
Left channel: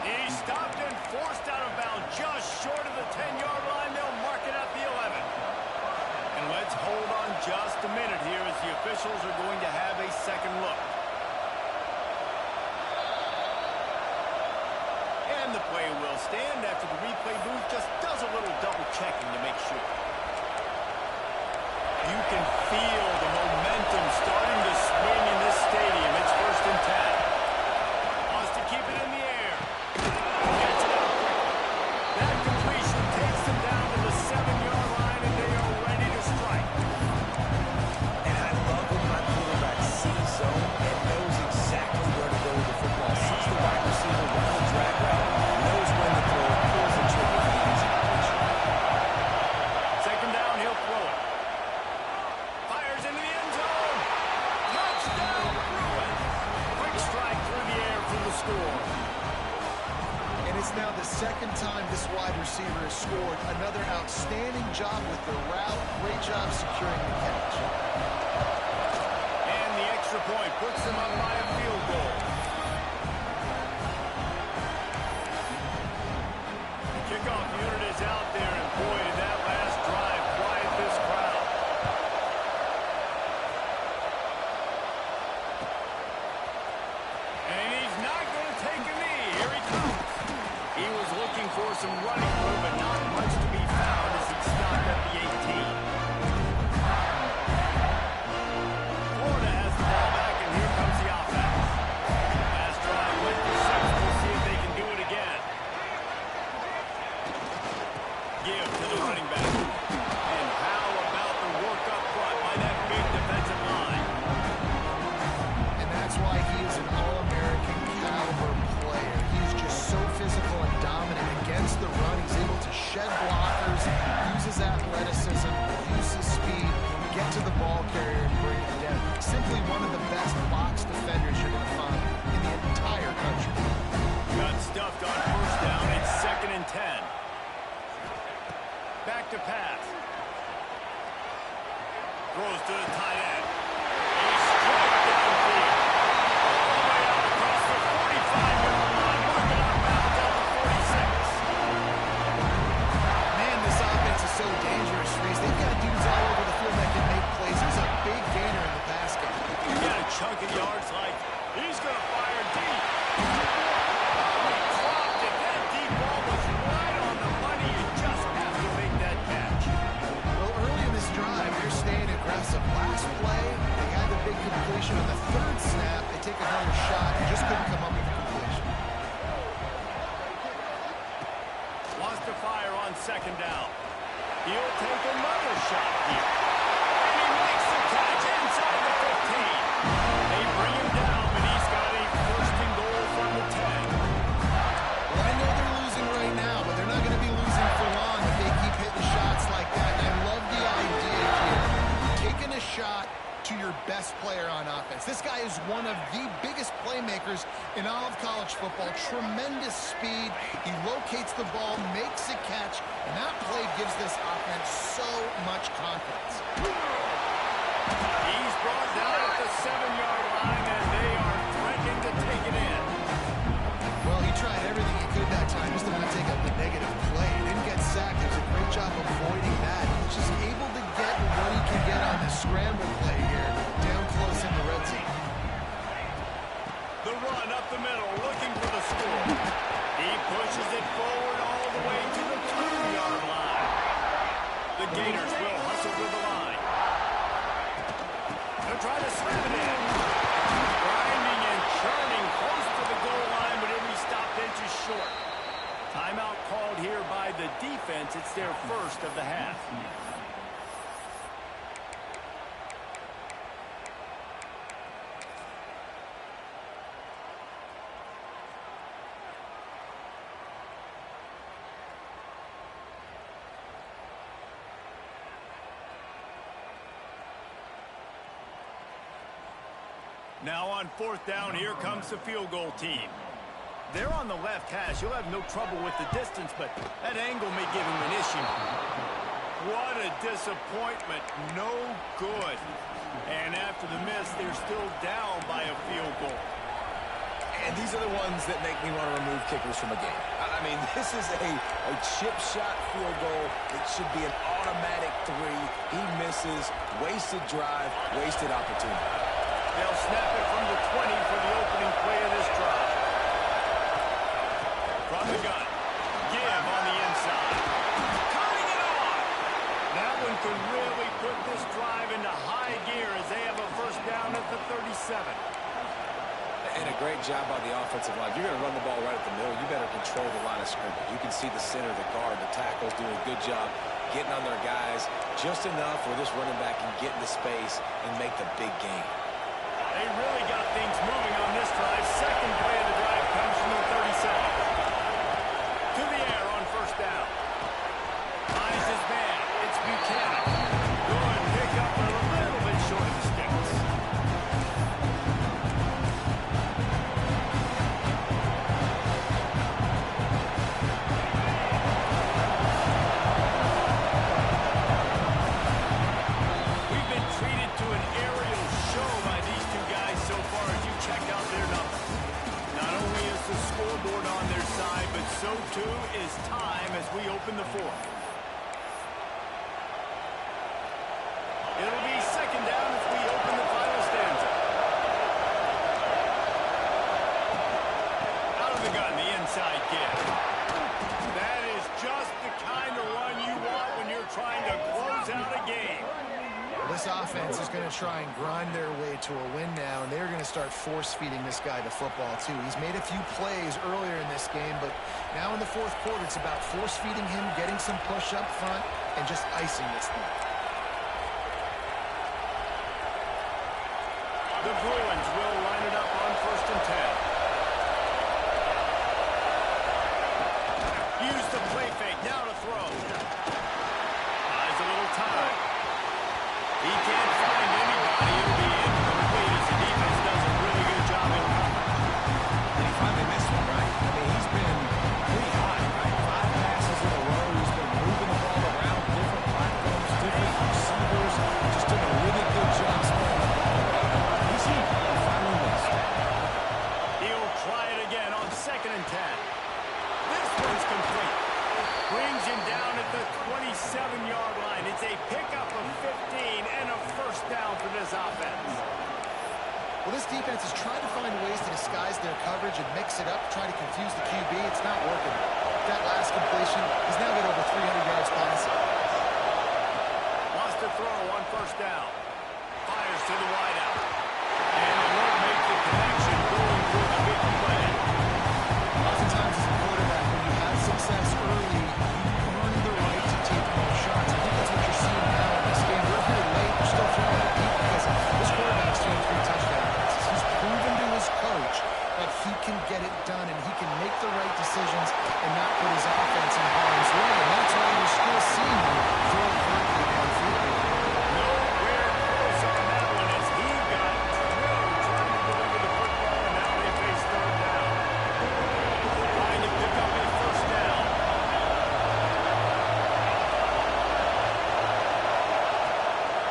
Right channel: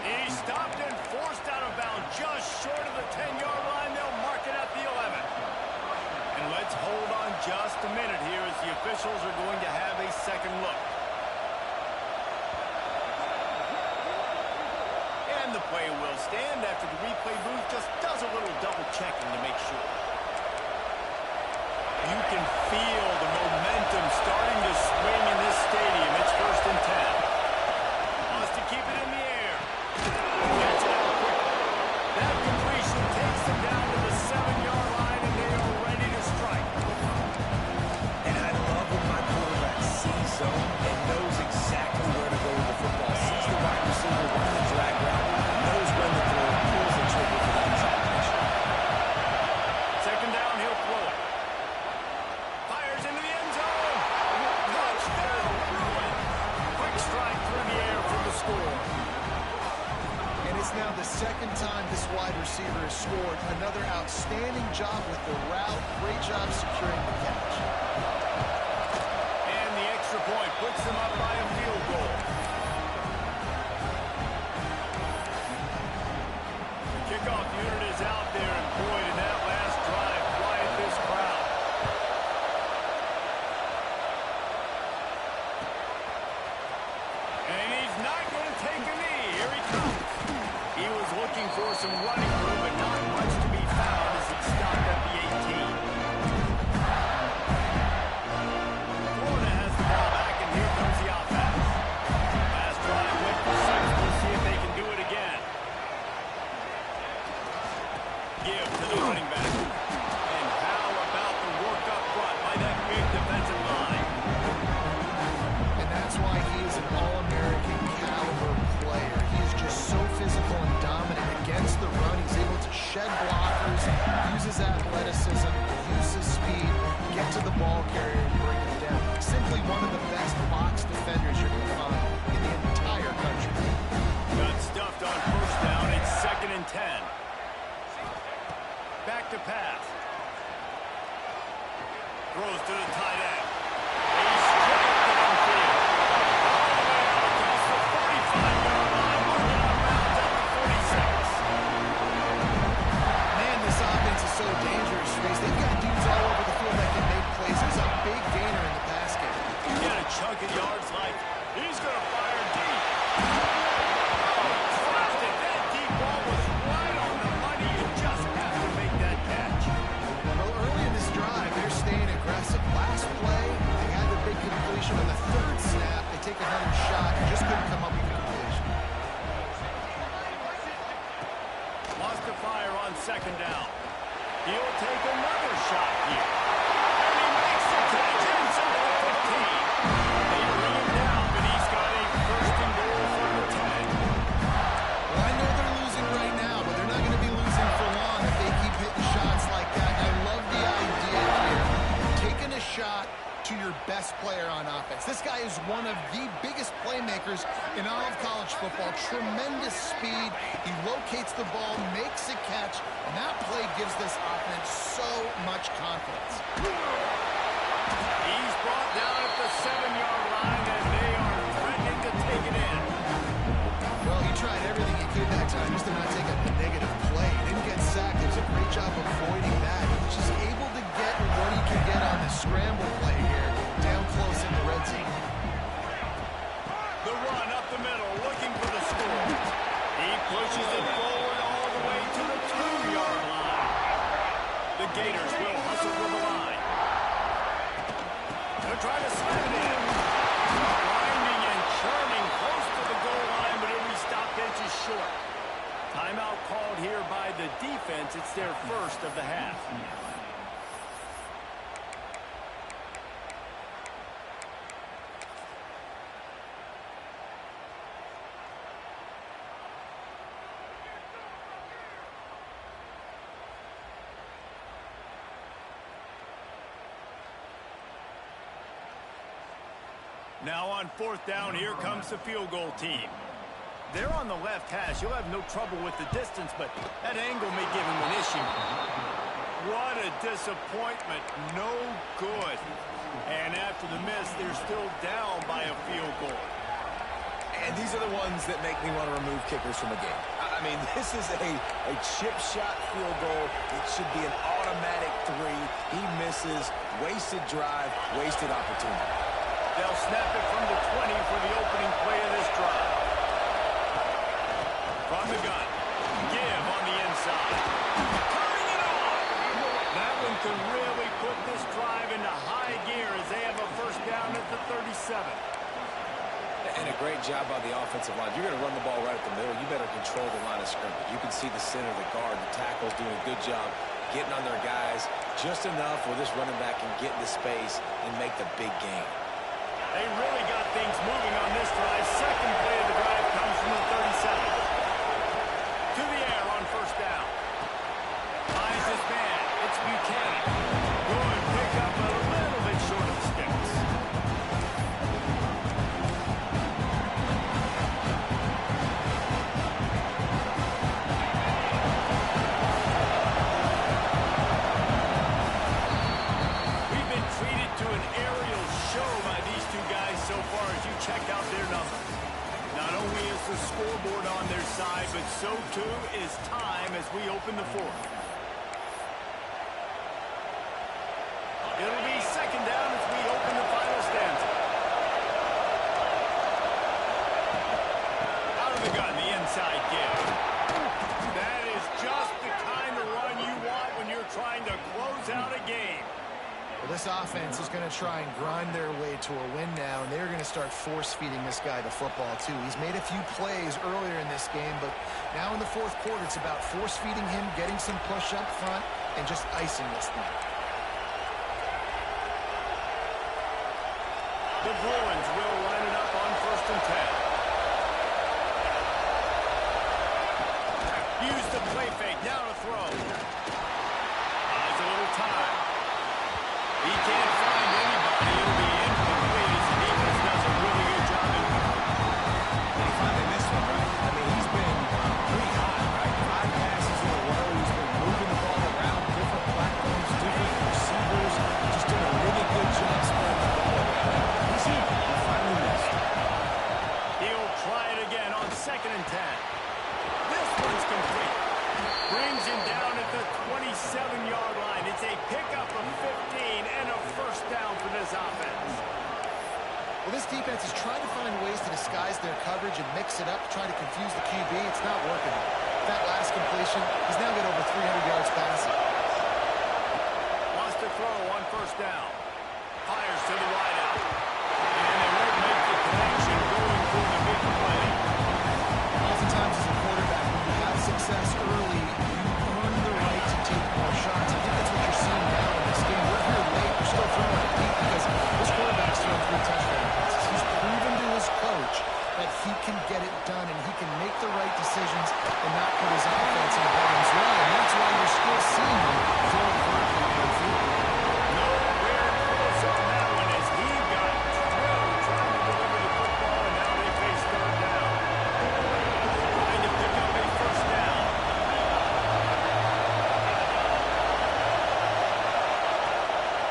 He stopped and forced out of bounds just short of the 10-yard line. They'll mark it at the 11. And let's hold on just a minute here as the officials are going to have a second look. And the play will stand after the replay booth just does a little double checking to make sure. You can feel the momentum starting to swing in this stadium. It's first and 10. Wants to keep it in the air. Gets it out quickly. That completion takes them down to the 7-yard line, and they are ready to strike. And I love when my quarterback sees zone and knows exactly where to go with the football. Sees the wide receiver running the drag route, knows when to throw it, pulls the trigger for the easy completion. Second down, he'll throw it. Fires into the end zone. the second time this wide receiver has scored. Another outstanding job with the route. Great job securing the catch. And the extra point puts them up by a field goal. The kickoff unit is out there, and boy, did that last drive quiet this crowd. And he's not going to take a knee. Here he comes. He was looking for some running room, but not much to be found as he stopped at the 18. Florida has the ball back, and here comes the offense. Last drive went for 6. We'll see if they can do it again. Give to the running back. And how about the work up front by that big defensive line? And that's why he is an All-American caliber player. He's just so physical and dominant against the run. He's able to shed blockers, use his athleticism, use his speed, get to the ball carrier and bring it down. Simply one of the best box defenders you're going to find in the entire country. Got stuffed on first down. It's 2nd and 10. Back to pass. Throws to the tight end. A straight downfield. All the way out across the 45-yard line. Marking out of bounds at the 46. Man, this offense is so dangerous, Reese. They've got dudes all over the field that can make plays. There's a big gainer in the pass game. You get a chunk of yards like he's going to fire deep. Oh, he dropped it. That deep ball was right on the money. You just have to make that catch. Well, early in this drive, they're staying aggressive. Last play, they had the big completion. On the third snap, they take another shot and just couldn't come up with the completion. Wants to fire on 2nd down. He'll take another shot here. And he makes the catch inside the 15. They bring him down, but he's got a 1st and goal from the 10. Well, I know they're losing right now, but they're not going to be losing for long if they keep hitting shots like that. And I love the idea here. Taking a shot to your best player on offense. This guy is one of the biggest playmakers in all of college football. Tremendous speed. He locates the ball, makes a catch, and that play gives this offense so much confidence. He's brought down at the 7-yard line, and they are threatening to take it in. Well, he tried everything he could that time just to not take a negative play. He didn't get sacked. It was a great job avoiding that. He's just able to get what he can get on this scramble play here, down close in the red zone. The run up the middle, looking for the score. He pushes it forward all the way to the 2-yard line. The Gators will hustle to the line. They'll try to slam it in. Grinding and churning close to the goal line, but it'll be stopped inches short. Timeout called here by the defense. It's their first of the half. Now on 4th down, here comes the field goal team. They're on the left hash. You'll have no trouble with the distance, but that angle may give him an issue. What a disappointment. No good. And after the miss, they're still down by a field goal. And these are the ones that make me want to remove kickers from a game. I mean, this is a chip shot field goal. It should be an automatic 3. He misses. Wasted drive, wasted opportunity. They'll snap it from the 20 for the opening play of this drive. From the gun. Give on the inside. Turning it on. That one could really put this drive into high gear as they have a first down at the 37. And a great job by the offensive line. If you're going to run the ball right at the middle, you better control the line of scrimmage. You can see the center, the guard, the tackles doing a good job getting on their guys just enough where this running back can get into space and make the big game. They really got things moving on this drive. Second play of the drive comes from the 37. To the air on first down. Finds his man. It's Buchanan. Good pick up a little bit short of the sticks. so too is time as we open the fourth. It'll be second down as we open the final stanza. Out of the gun, the inside give. That is just the kind of run you want when you're trying to close out a game. Well, this offense is going to try and grind their way to a win now, and they're going to start force-feeding this guy the football, too. He's made a few plays earlier in this game, but now in the fourth quarter, it's about force-feeding him, getting some push up front, and just icing this thing. The Bruins will line it up on 1st and 10. Use the play fake, now to throw. Buys a little time. He can't find anybody. It'll be incomplete as the defense does a really good job in coverage. And he finally missed one, right? I mean, he's been pretty hot, right? 5 passes in a row. He's been moving the ball around different platforms, different receivers. Just doing a really good job spreading the ball around. And he's here. He finally missed. He'll try it again on 2nd and 10. This one's complete. Brings him down at the 27-yard line. It's a pickup of 15 and a first down for this offense. Well, this defense is trying to find ways to disguise their coverage and mix it up, try to confuse the QB. It's not working. That last completion, he's now got over 300 yards passing. Wants to throw on 1st down. Fires to the wideout. And it won't make the connection going for the big play. Oftentimes as a quarterback, when you have success early, you earn the right to take more shots. I think that's what you're seeing now in this game. We're here late. We're still throwing it deep because this quarterback's throwing 3 touchdown passes. He's proven to his coach that he can get it done and he can make the right decisions and not put his offense in harm's way. And that's why you're still seeing him throw vertically downfield. Nowhere close on that one as he got drilled trying to deliver the football, and now they face 3rd down. Trying to pick up a 1st down.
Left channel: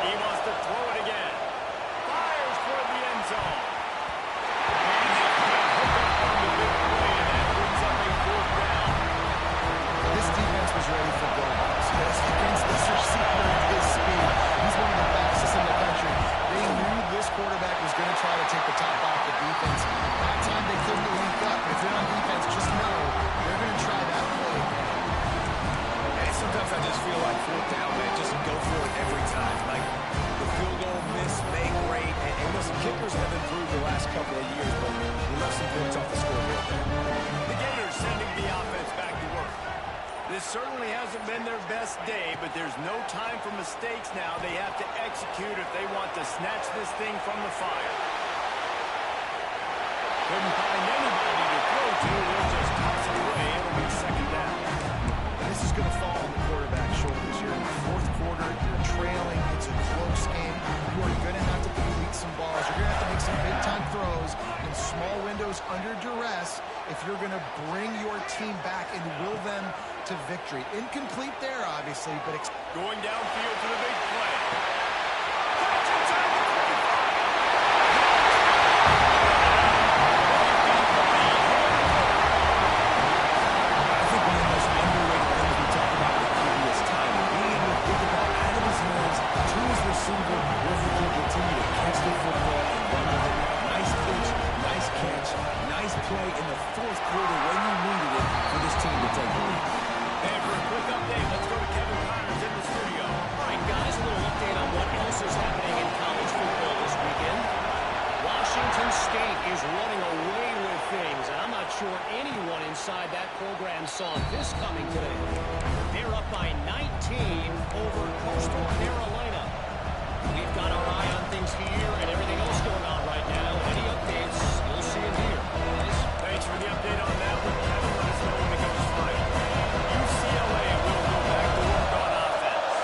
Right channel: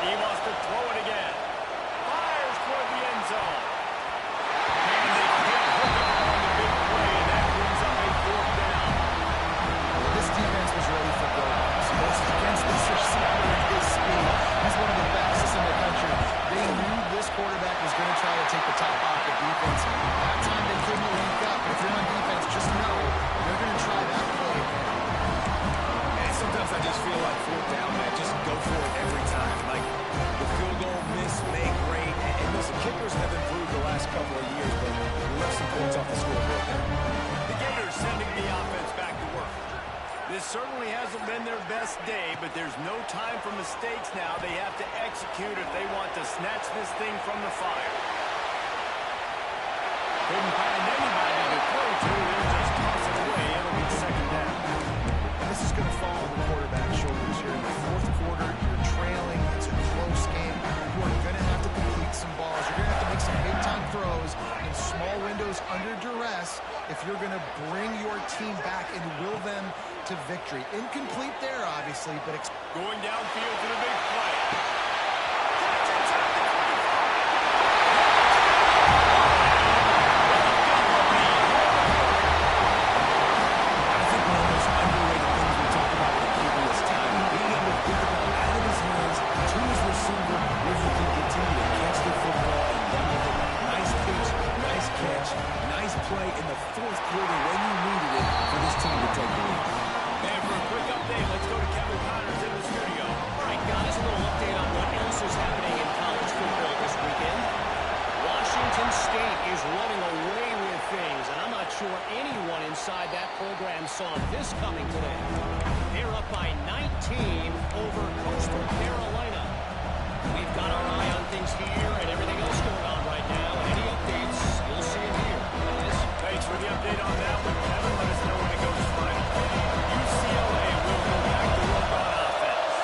He wants to throw it again. Fires toward the end zone. And they can't hook up on the big play, and that brings up a 4th down. This defense was ready for go-balls. Against this receiver at his speed, he's one of the fastest in the country. They knew this quarterback was going to try to take the top off the defense. That time they couldn't link up. But if you're on defense, just know they're going to try that play again. And sometimes I just feel like 4th down, man, just go for it every time. Like the field goal miss, make great. And listen, kickers have improved the last couple of years, but we left some points off the scoreboard there. The Gators sending the offense back to work. This certainly hasn't been their best day, but there's no time for mistakes now. They have to execute if they want to snatch this thing from the fire. Couldn't find anybody to throw to. They'll just toss it away. It'll be 2nd down. And this is going to fall on the quarterback's shoulders. You're in the 4th quarter. You're trailing. It's a close game. You are going to have to complete some balls. You're going to have to make some big-time throws in small windows under duress if you're going to bring your team back and will them to victory. Incomplete there, obviously, but going downfield for the big play. Catch inside the 25. I think one of the most underrated things we talk about with the QB is timing. Being able to get the ball out of his hands to his receiver where he can continue to catch the football and run with it. Nice pitch, nice catch, nice play in the 4th quarter when you needed it for this team to take the lead. And for a quick update, let's go to Kevin Connors in the studio. All right, guys, a little update on what else is happening in college football this weekend. Washington State is running away with things, and I'm not sure anyone inside that program saw this coming today. They're up by 19 over Coastal Carolina. We've got our eye on things here and everything else going on right now, and any updates, you'll see them here, guys. Thanks for the update on that one, Kevin. Let us know when it goes final. UCLA will go back to work on offense.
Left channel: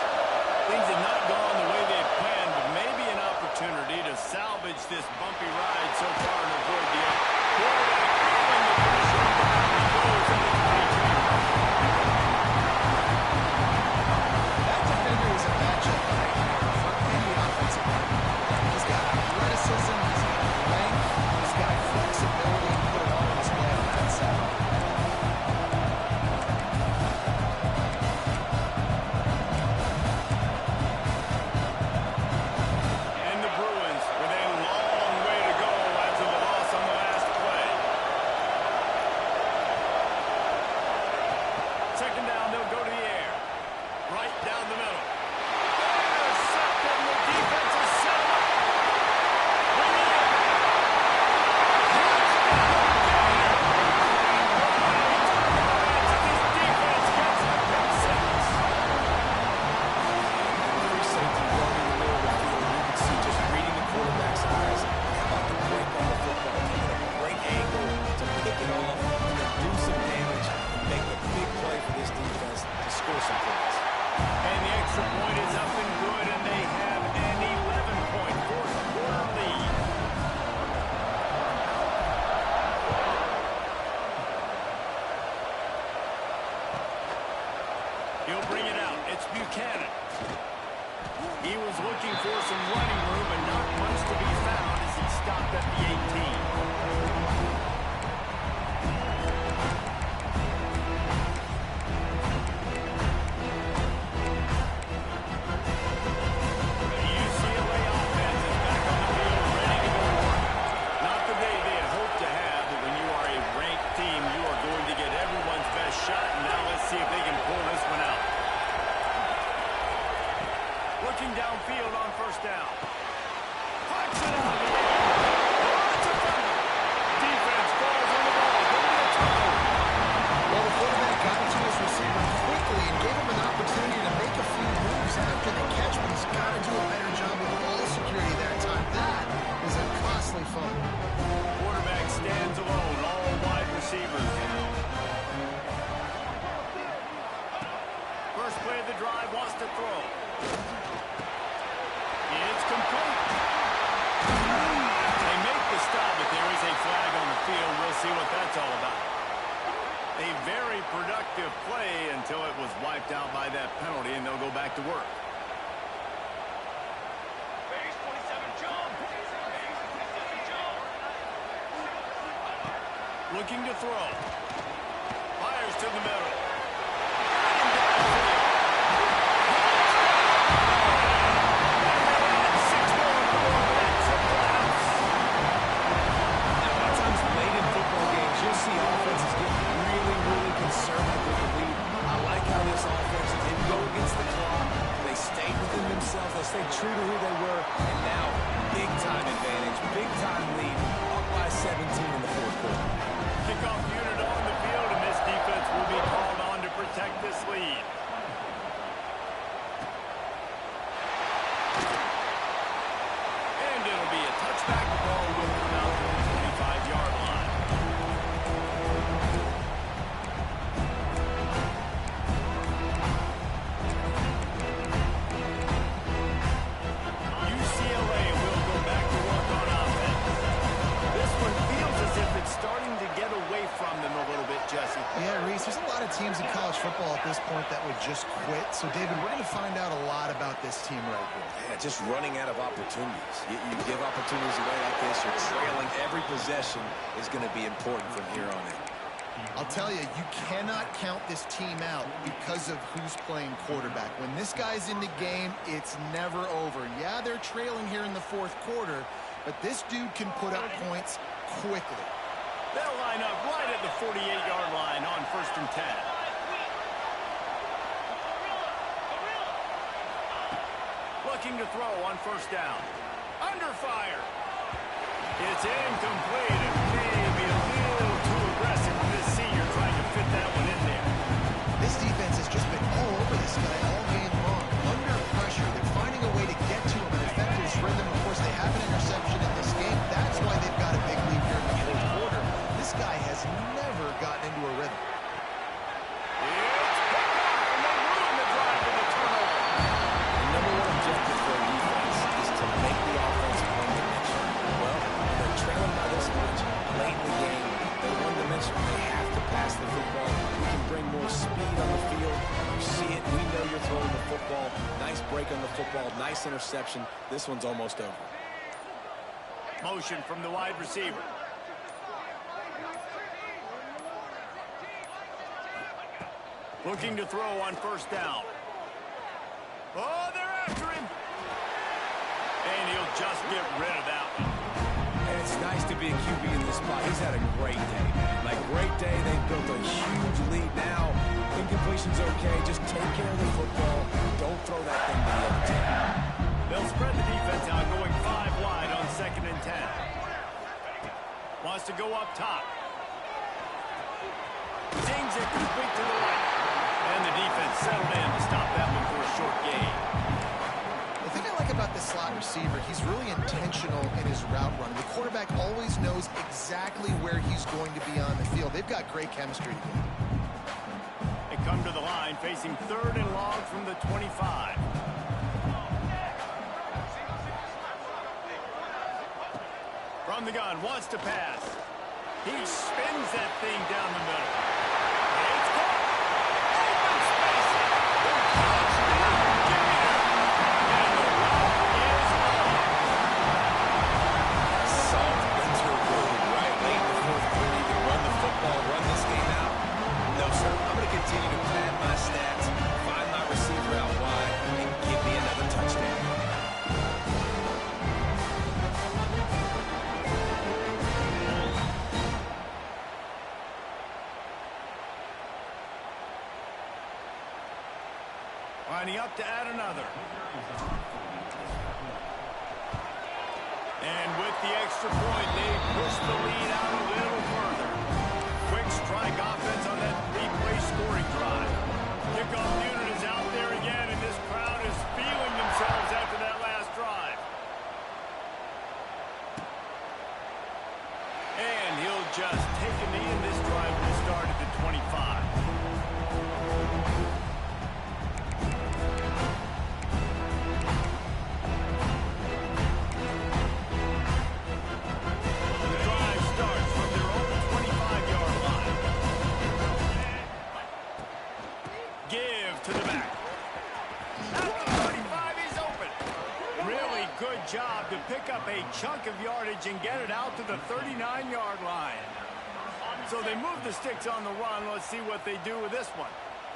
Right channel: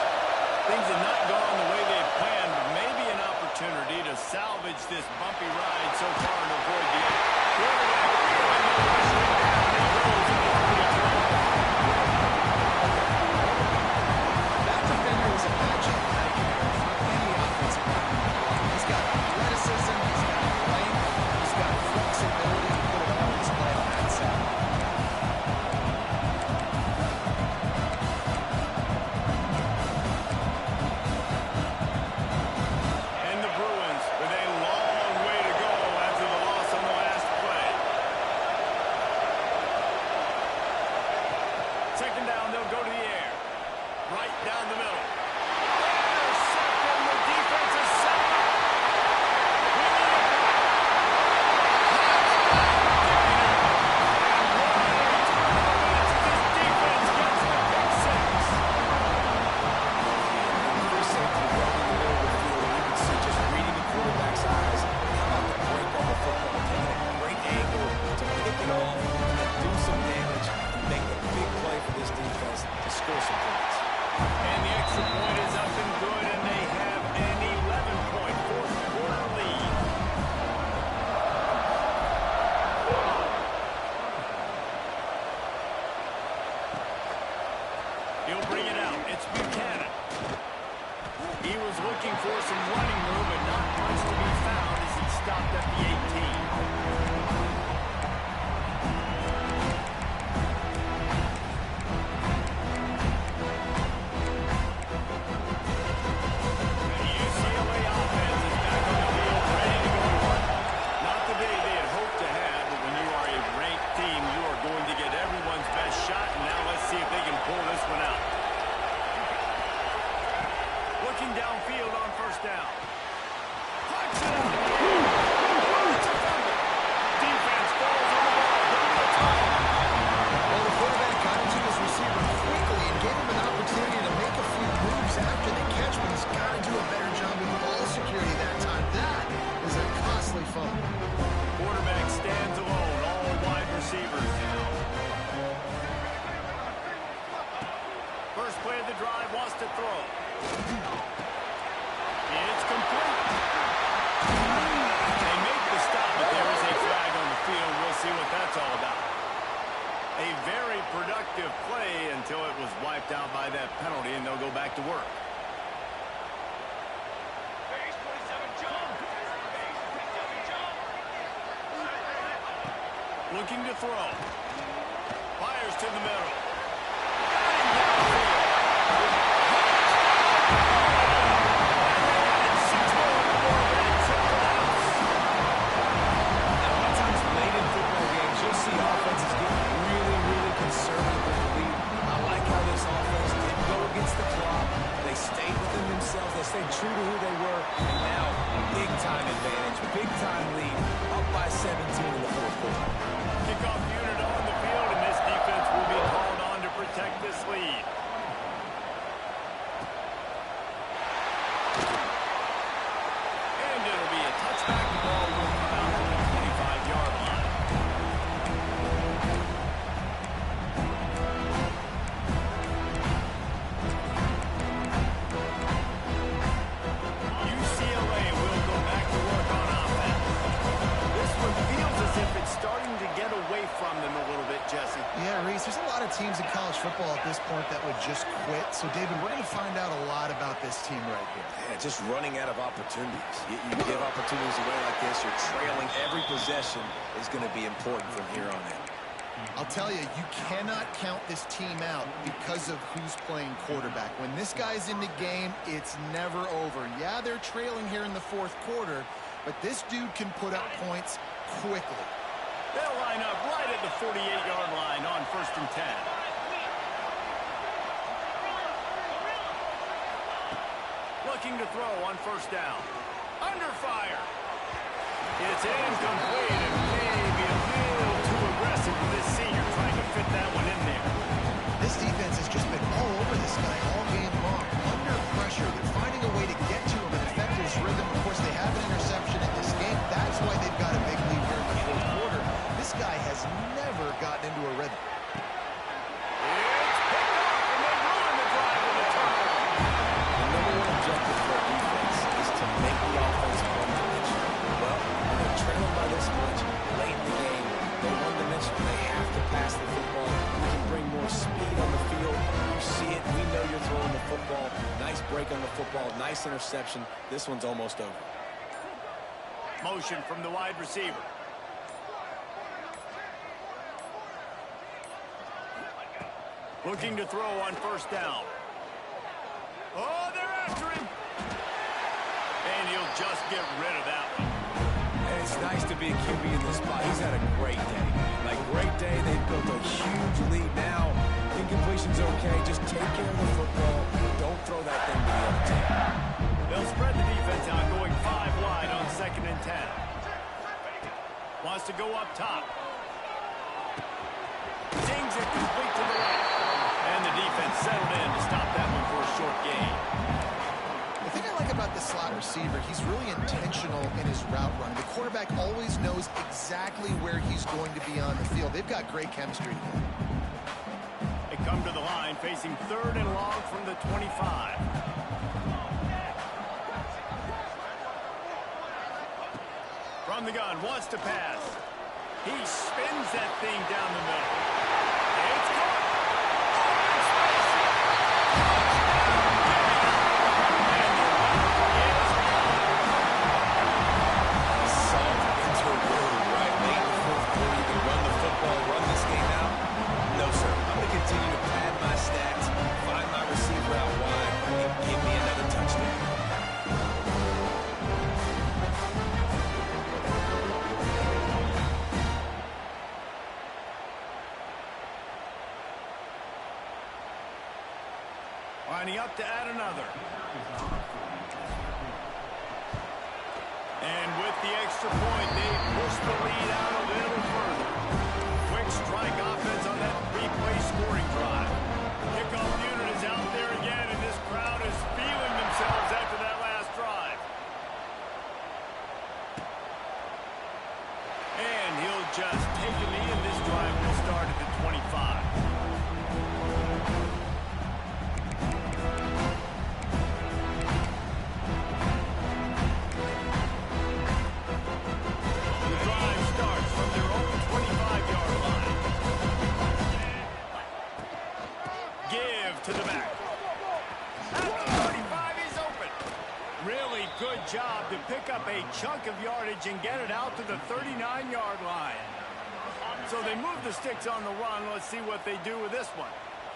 Things have not gone the way they had planned, but maybe an opportunity to salvage this bumpy ride so far and avoid the quarterback feeling the pressure, and down he goes at the 22. that defender is a matchup nightmare for any offensive lineman. He's got athleticism, he's got length, he's got flexibility, and put it all on display on that side. second down, they'll go to the air. Right down the middle. Intercepted, and the defense has set him up. We need it back. Touchdown, Gator. And what a turn of events as this defense gets the pick six. Free safety running in the middle of the field, and you can see just reading the quarterback's eyes. How about the break on the football? Taking a great angle to pick it off and then do some damage and make a big play for this defense to score some points. And the extra point is up and good, and they have an 11-point fourth quarter lead. He'll bring it out. It's Buchanan. He was looking for some running room, but not much to be found as he stopped at the 18. Shot, and now let's see if they can pull this one out. Looking downfield on first down. Puts it out of the air. Oh, it's a fumble. Defense falls on the ball. Going to be a turnover. Well, the quarterback got it to his receiver quickly and gave him an opportunity to make a few moves after the catch, but he's got to do a better job with ball security that time. That is a costly fumble. Quarterback stands alone. All wide receivers down. First play of the drive, wants to throw. It's complete. They make the stop, but there is a flag on the field. We'll see what that's all about. A very productive play until it was wiped out by that penalty, and they'll go back to work. Base 27 jump. Base 27 jump. Looking to throw. Fires to the middle. Got him downfield. You'll see offenses get really, really conservative with the lead. I like how this offense didn't go against the clock. They stayed within themselves. They stayed true to who they were. And now, big-time advantage, big-time lead, up by 17 in the fourth quarter. Kickoff unit on the field, and this defense will be called on to protect this lead. And it'll be a touchback. The ball will come out to the 25-yard line. It's starting to get away from them a little bit, Jesse. Yeah, Reese, there's a lot of teams in college football at this point that would just quit. So, David, we're going to find out a lot about this team right here. Yeah, just running out of opportunities. You give opportunities away like this, you're trailing. Every possession is going to be important from here on in. I'll tell you, you cannot count this team out because of who's playing quarterback. When this guy's in the game, it's never over. Yeah, they're trailing here in the fourth quarter, but this dude can put up points quickly. They'll line up right at the 48-yard line on 1st and 10. Looking to throw on first down. Under fire. It's incomplete and maybe a little too aggressive from this senior trying to fit that one in there. This defense has just been all over this guy all game long. Under pressure, they're finding a way to get to him and affect his rhythm. Of course, they have an interception in this game. That's why they've got a big lead here in the fourth quarter. This guy has never gotten into a rhythm. It's picked off, and they ruin the drive with a turnover. The number one objective for a defense is to make the offense one-dimensional. Well, when they're trailing by this much, late in the game, they're one-dimensional. They have to pass the football. We can bring more speed on the field. You see it. We know you're throwing the football. Nice break on the football. Nice interception. This one's almost over. Motion from the wide receiver. Looking to throw on first down. Oh, they're after him. And he'll just get rid of that one. And it's nice to be a QB in this spot. He's had a great day, man. Like, great day. They've built a huge lead now. Incomplete incompletion's okay. Just take care of the football. Don't throw that thing to the other team. They'll spread the defense out, going 5 wide on 2nd and 10. Wants to go up top. Dings it complete to the right. And the defense settled in to stop that one for a short gain. The thing I like about this slot receiver, he's really intentional in his route running. The quarterback always knows exactly where he's going to be on the field. They've got great chemistry together. They come to the line facing 3rd and long from the 25. From the gun, wants to pass. He spins that thing down the middle. It's caught. Open space. Touchdown, Gator. And the route is on. Salt into room, right? Late in the 4th quarter, you can run the football, run this game out. No, sir. I'm going to continue to pad my stats, find my receiver out wide, and give me another touchdown. Lining up to add another. And with the extra point, they push the lead out a little further. Quick strike offense on that 3-play scoring drive. Kickoff unit is out there again, and this crowd is feeling themselves after that last drive. And he'll just take a knee, and this drive will start at the 25. To the back. At the 35, he's open. Really good job to pick up a chunk of yardage and get it out to the 39-yard line. So they move the sticks on the run. Let's see what they do with this one.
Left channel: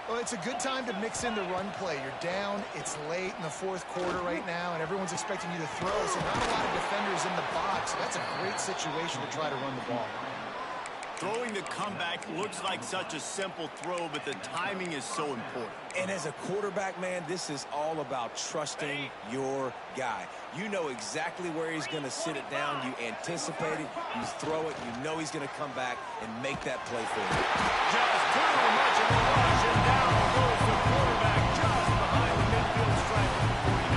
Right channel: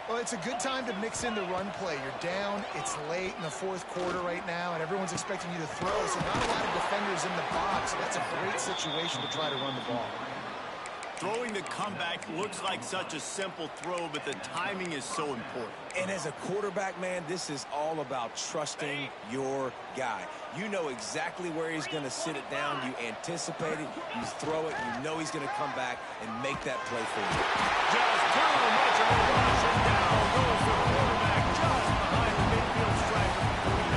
Well, it's a good time to mix in the run play. You're down, it's late in the 4th quarter right now, and everyone's expecting you to throw, so not a lot of defenders in the box. So that's a great situation to try to run the ball. Throwing the comeback looks like such a simple throw, but the timing is so important. And as a quarterback, man, this is all about trusting your guy. You know exactly where he's going to sit it down. You anticipate it. You throw it. You know he's going to come back and make that play for you. Just too much of a rush, and down goes the quarterback just behind the midfield stripe of the 49.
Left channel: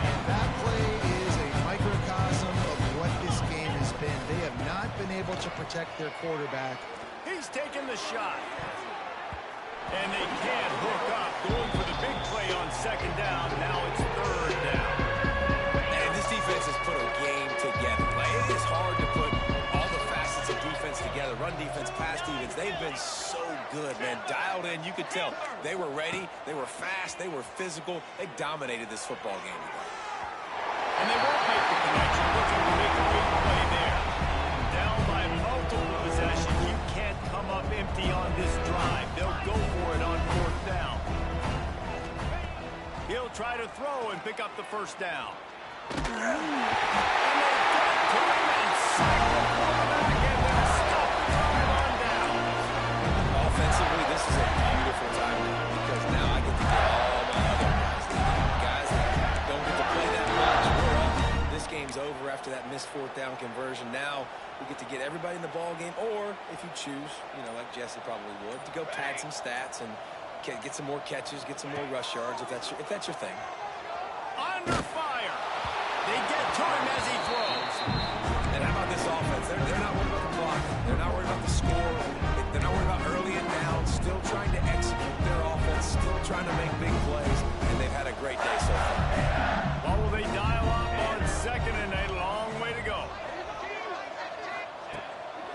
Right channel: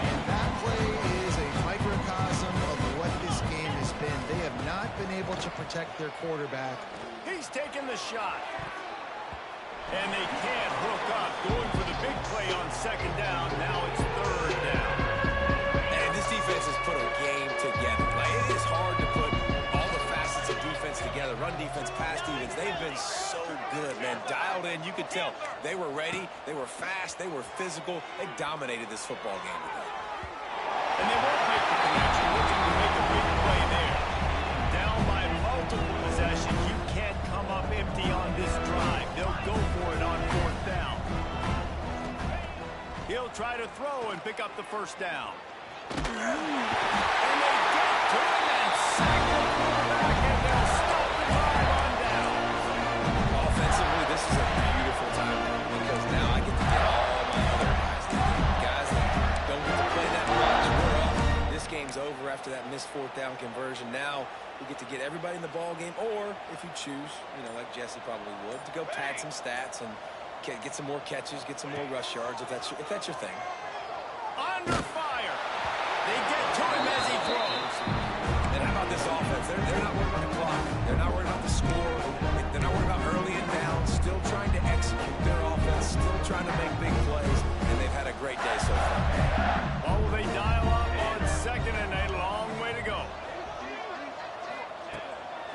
And that play is a microcosm of what this game has been. They have not been able to protect their quarterback. He's taking the shot. And they can't hook up, going for the big play on 2nd down. Now it's 3rd down. And this defense has put a game together. Like, it is hard to put all the facets of defense together. Run defense, pass defense. They've been so good, man. Dialed in. You could tell they were ready. They were fast. They were physical. They dominated this football game today. And they won't make the connection, looking to make a big play there. Down by multiple possessions, you can't come up empty on this drive. They'll go for it on 4th down. He'll try to throw and pick up the 1st down. And they get to him and sack the quarterback, and they'll stop the drive on down. Offensively, this is a beautiful time now, because now I get to get all my other guys in the game. Guys that don't get to play that much. We're up. This game's over after that missed 4th down conversion. Now we get to get everybody in the ball game, or if you choose, you know, like Jesse probably would, to go pad some stats and get some more catches, get some more rush yards, if that's your thing. Under fire. They get to him as he throws. And how about this offense? They're not worried about the clock. They're not worried about the score. They're not worried about early and down. Still trying to execute their offense. Still trying to make big plays. And they've had a great day so far. Well, will they dial up on 2nd and a long way to go?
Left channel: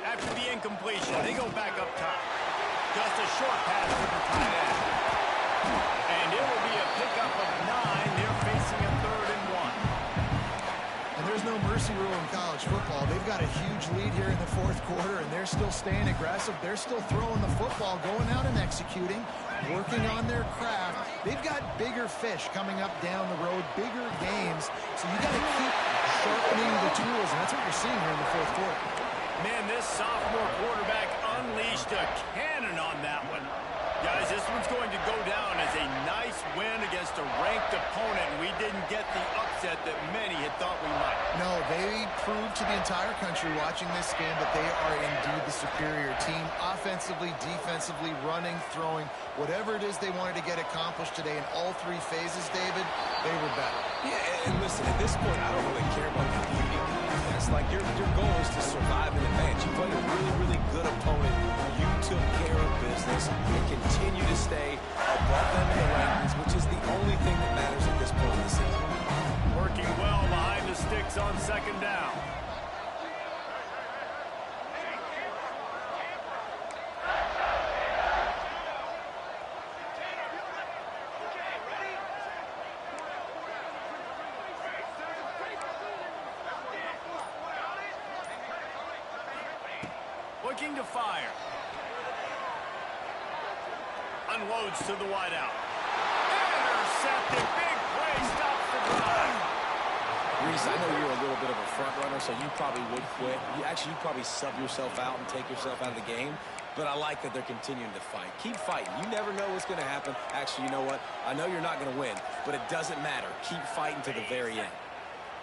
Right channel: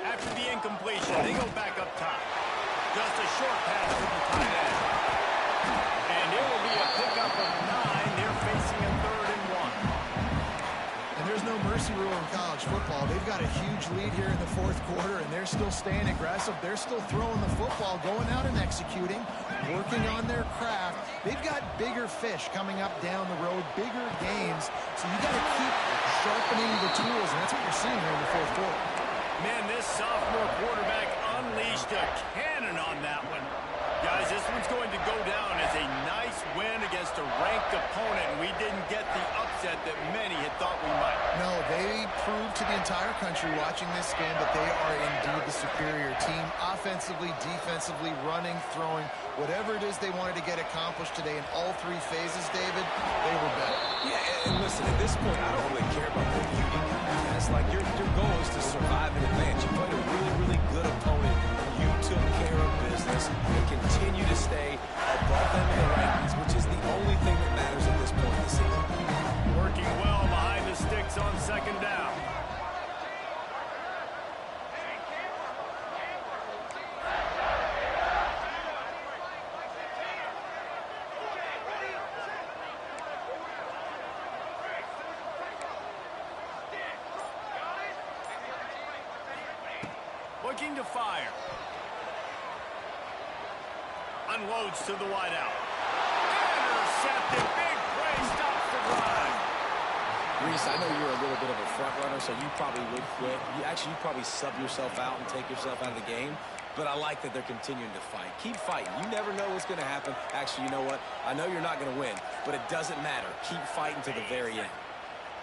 After the incompletion, they go back up top. Just a short pass to the tight end. And it will be a pickup of 9. They're facing a 3rd and 1. And there's no mercy rule in college football. They've got a huge lead here in the 4th quarter, and they're still staying aggressive. They're still throwing the football, going out and executing, working on their craft. They've got bigger fish coming up down the road, bigger games. So you got to keep sharpening the tools, and that's what you're seeing here in the 4th quarter. Man, this sophomore quarterback unleashed a cannon on that one. Guys, this one's going to go down as a nice win against a ranked opponent, and we didn't get the upset that many had thought we might. No, they proved to the entire country watching this game that they are indeed the superior team. Offensively, defensively, running, throwing, whatever it is they wanted to get accomplished today in all three phases, David, they were better. Yeah, and listen, at this point, I don't really care about the beauty contest. Like, your goal is to survive and advance. You played a really, really good opponent. You took care of business and continue to stay above them in the rankings, which is the only thing that matters at this point in the season. Working well behind the sticks on second down. Looking to fire. Unloads to the wideout. Intercepted. Big play stops the drive. Reese, I know you're a little bit of a front runner, so you probably would quit. You'd probably sub yourself out and take yourself out of the game. But I like that they're continuing to fight. Keep fighting. You never know what's going to happen. Actually, you know what? I know you're not going to win, but it doesn't matter. Keep fighting to the very end.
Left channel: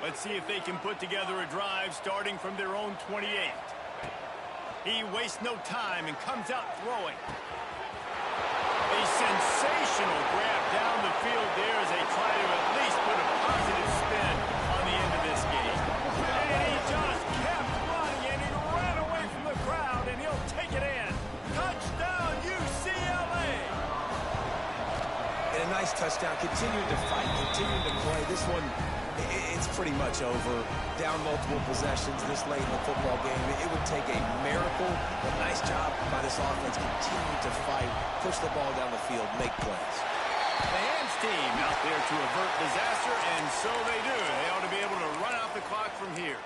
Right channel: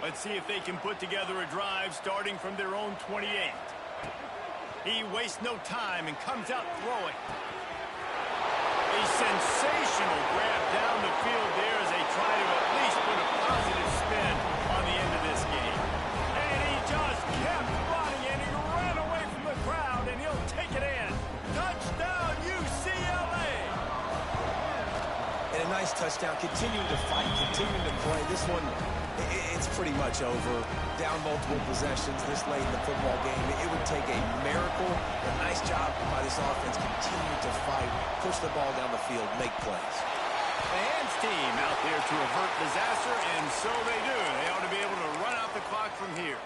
Let's see if they can put together a drive starting from their own 28. He wastes no time and comes out throwing. A sensational grab down the field there as they try to at least put a positive spin on the end of this game. And he just kept running, and he ran away from the crowd, and he'll take it in. Touchdown, UCLA! And a nice touchdown. Continuing to fight, continuing to play. This one, it's pretty much over. Down multiple possessions this late in the football game. It would take a miracle. A nice job by this offense. Continue to fight, push the ball down the field, make plays. The Hams team out there to avert disaster, and so they do. They ought to be able to run out the clock from here.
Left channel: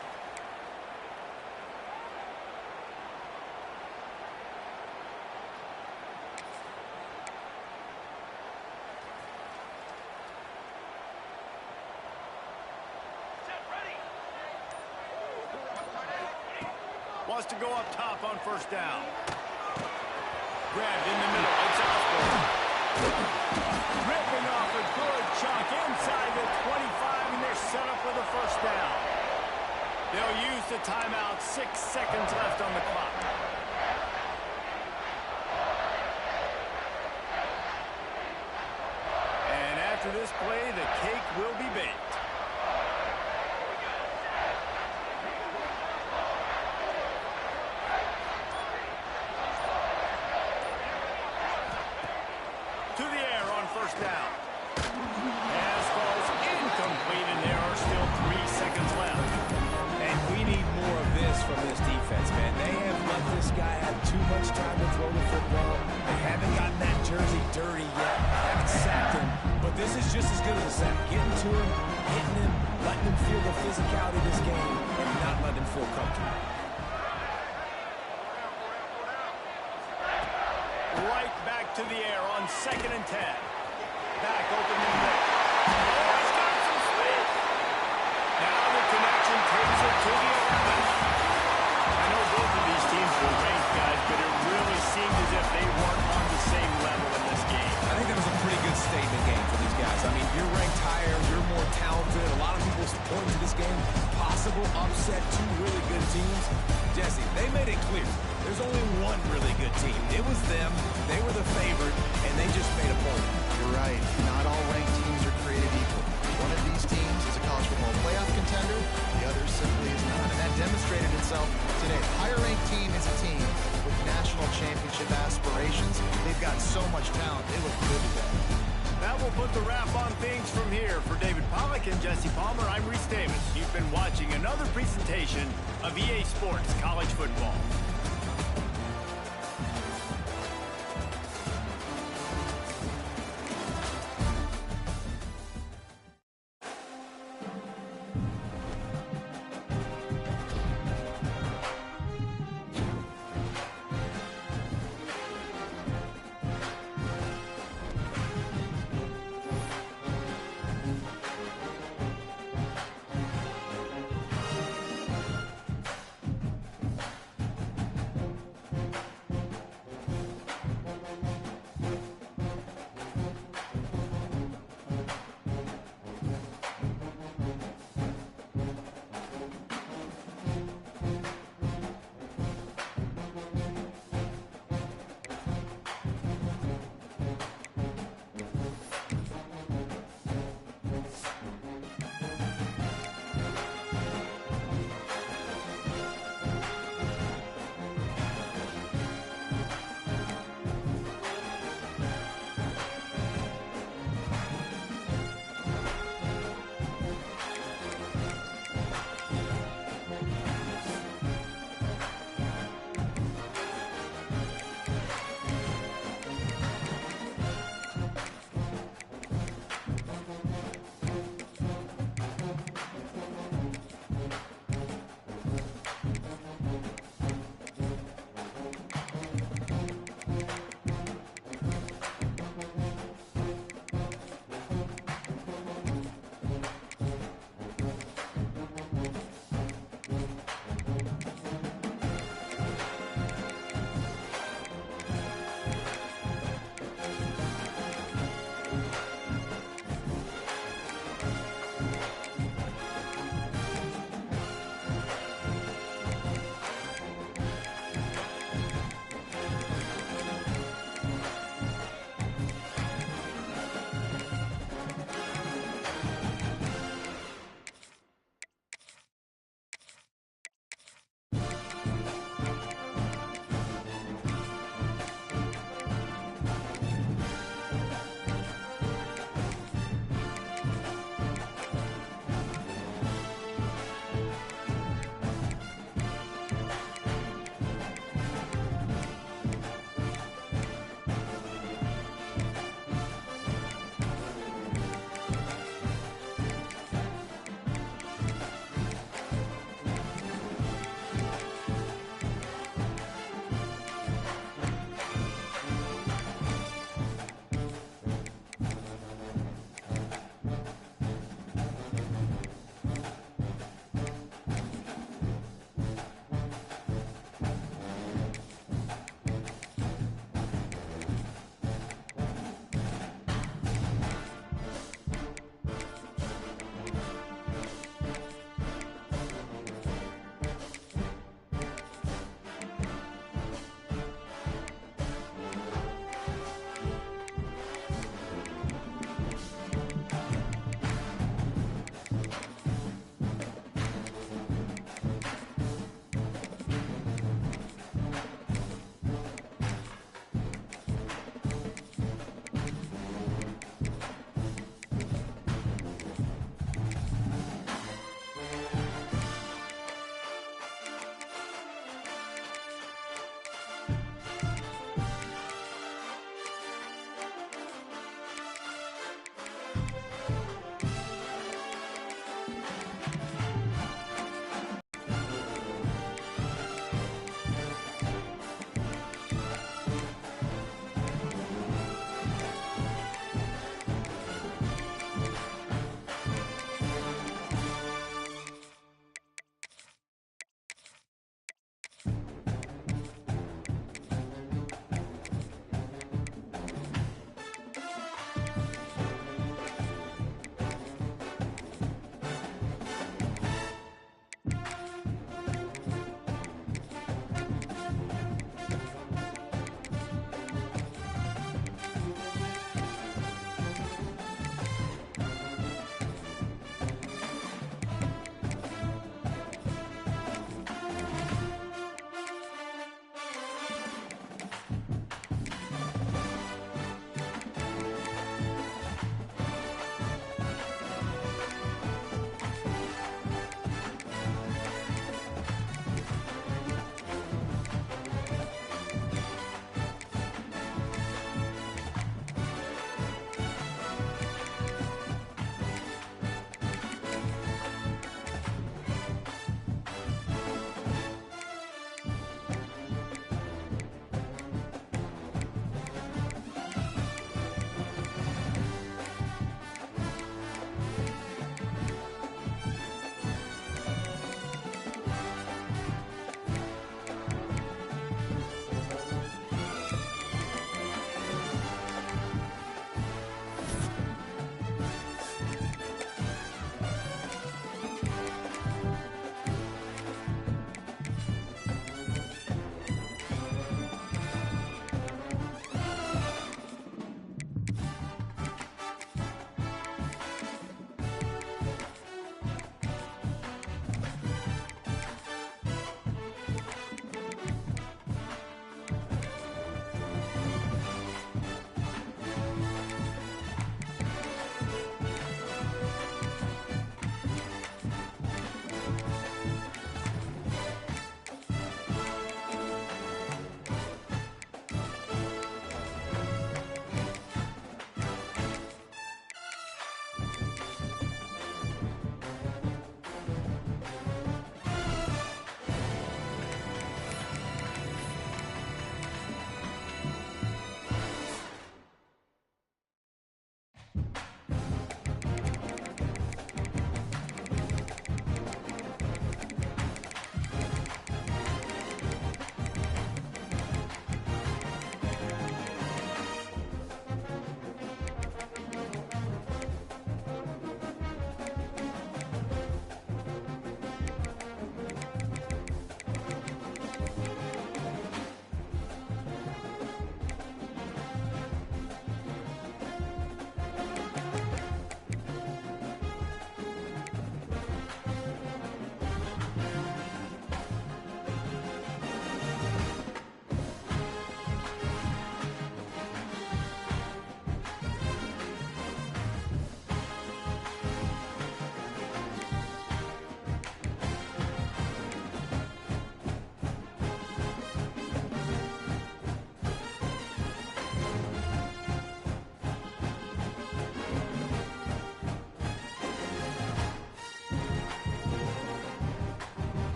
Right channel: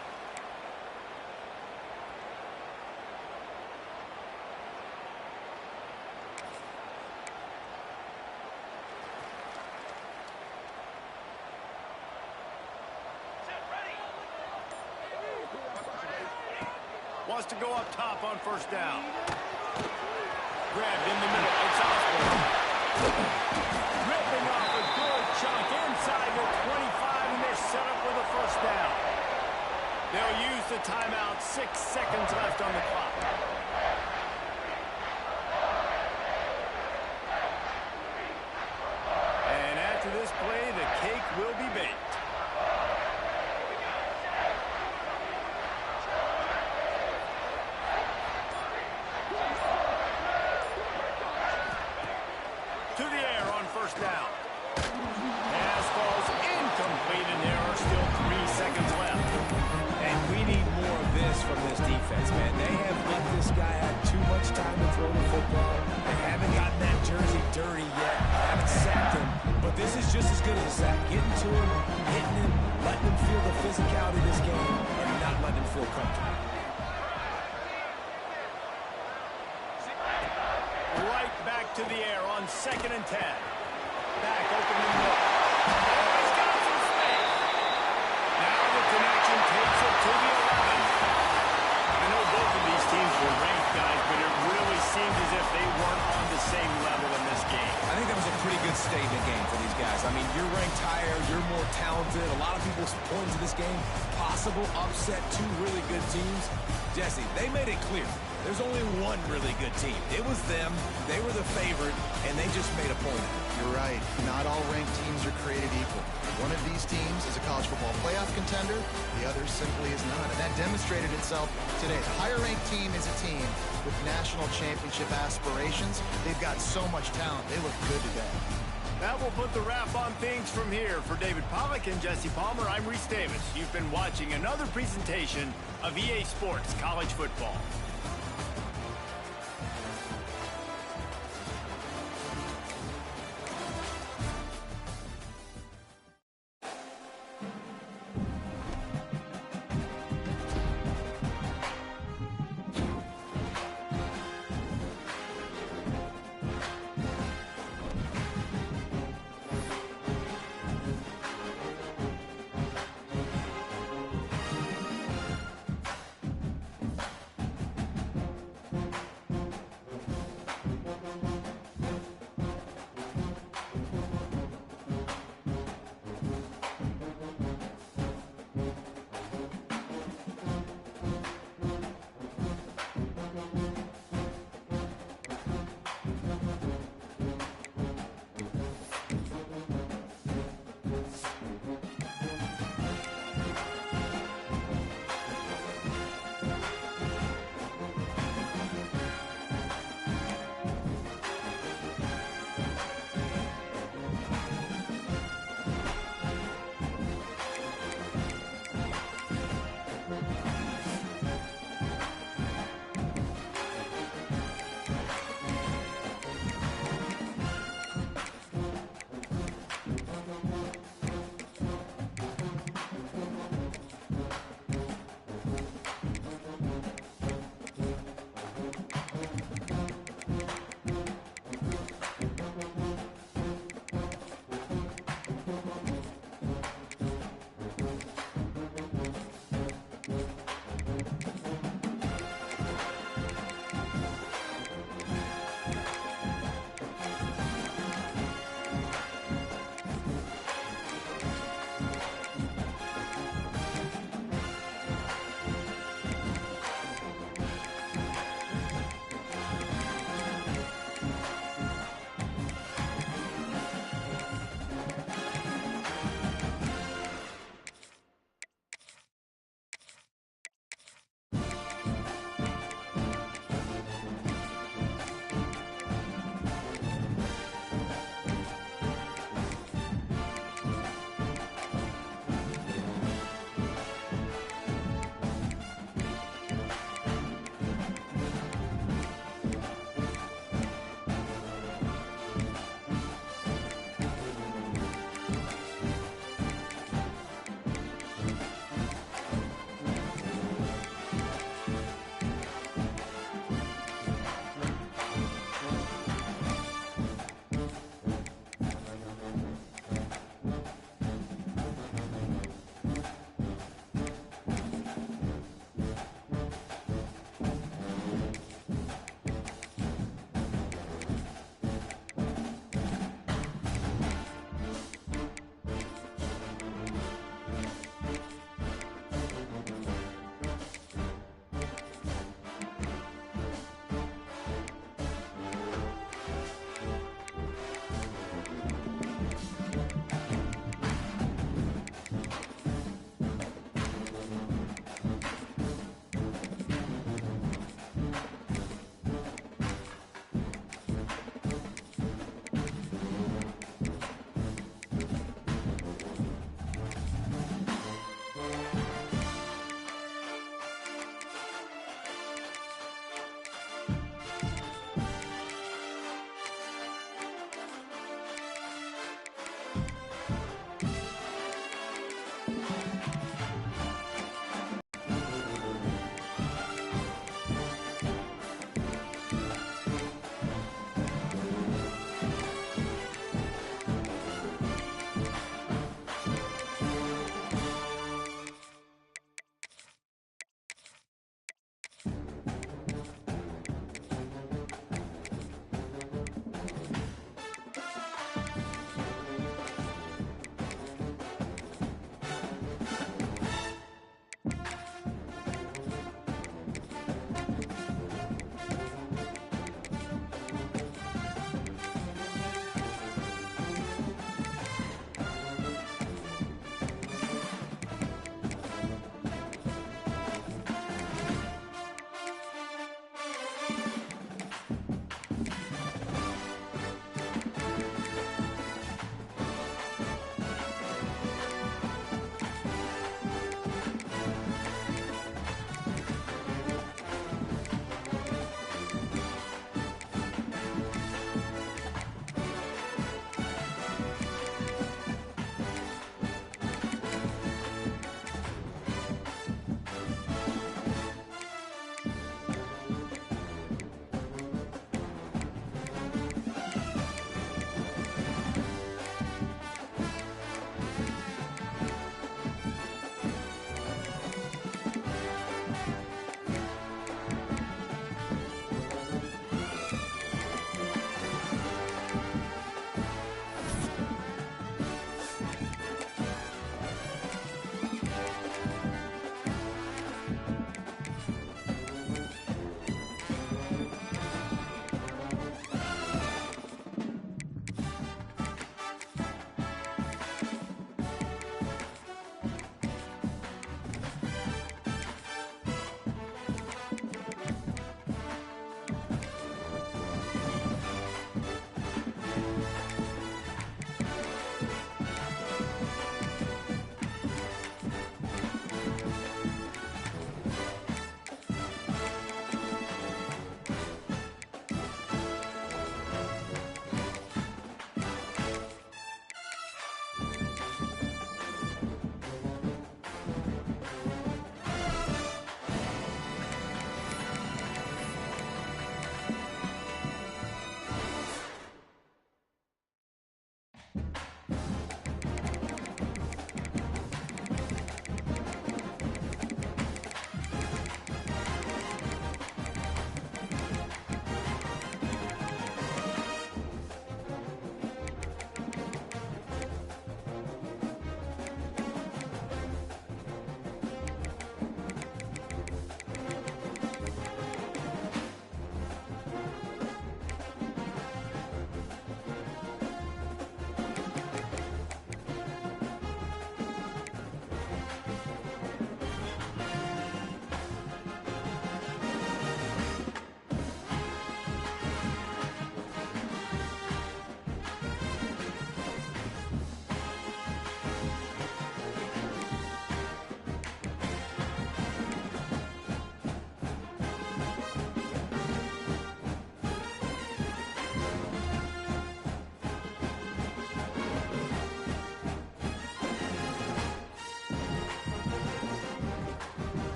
Wants to go up top on first down. Grabbed in the middle. It's Osborne. Ripping off a good chunk inside the 25, and they're set up with a first down. They'll use the timeout. 6 seconds left on the clock. And after this play, the cake will be baked. To the air on first down. Pass falls incomplete, and there are still 3 seconds left. And we need more of this from this defense, man. They have let this guy have too much time to throw the football. They haven't gotten that jersey dirty yet. Haven't sacked him. But this is just as good as a sack. Getting to him, hitting him, letting him feel the physicality of this game, and not letting him feel comfortable. Right back to the air on 2nd and 10. Back open in the middle. Oh, he's got some space. Now the connection takes it to the 11. I know both of these teams were ranked, guys, but it really seemed as if they weren't on the same level in this game. I think that was a pretty good statement game for these guys. I mean, you're ranked higher, you're more talented. A lot of people point to this game. Possible upset, 2 really good teams. Jesse, they made it clear. There's only one really good team. It was them. They were the favorite, and they just made a point. You're right. Not all ranked teams are created equal. One of these teams is a college football playoff contender. The other simply is not. And that demonstrated itself today. The higher-ranked team is a team with national championship aspirations. They've got so much talent. They look good today. That will put the wrap on things from here. For David Pollack and Jesse Palmer, I'm Reese Davis. You've been watching another presentation of EA Sports College Football.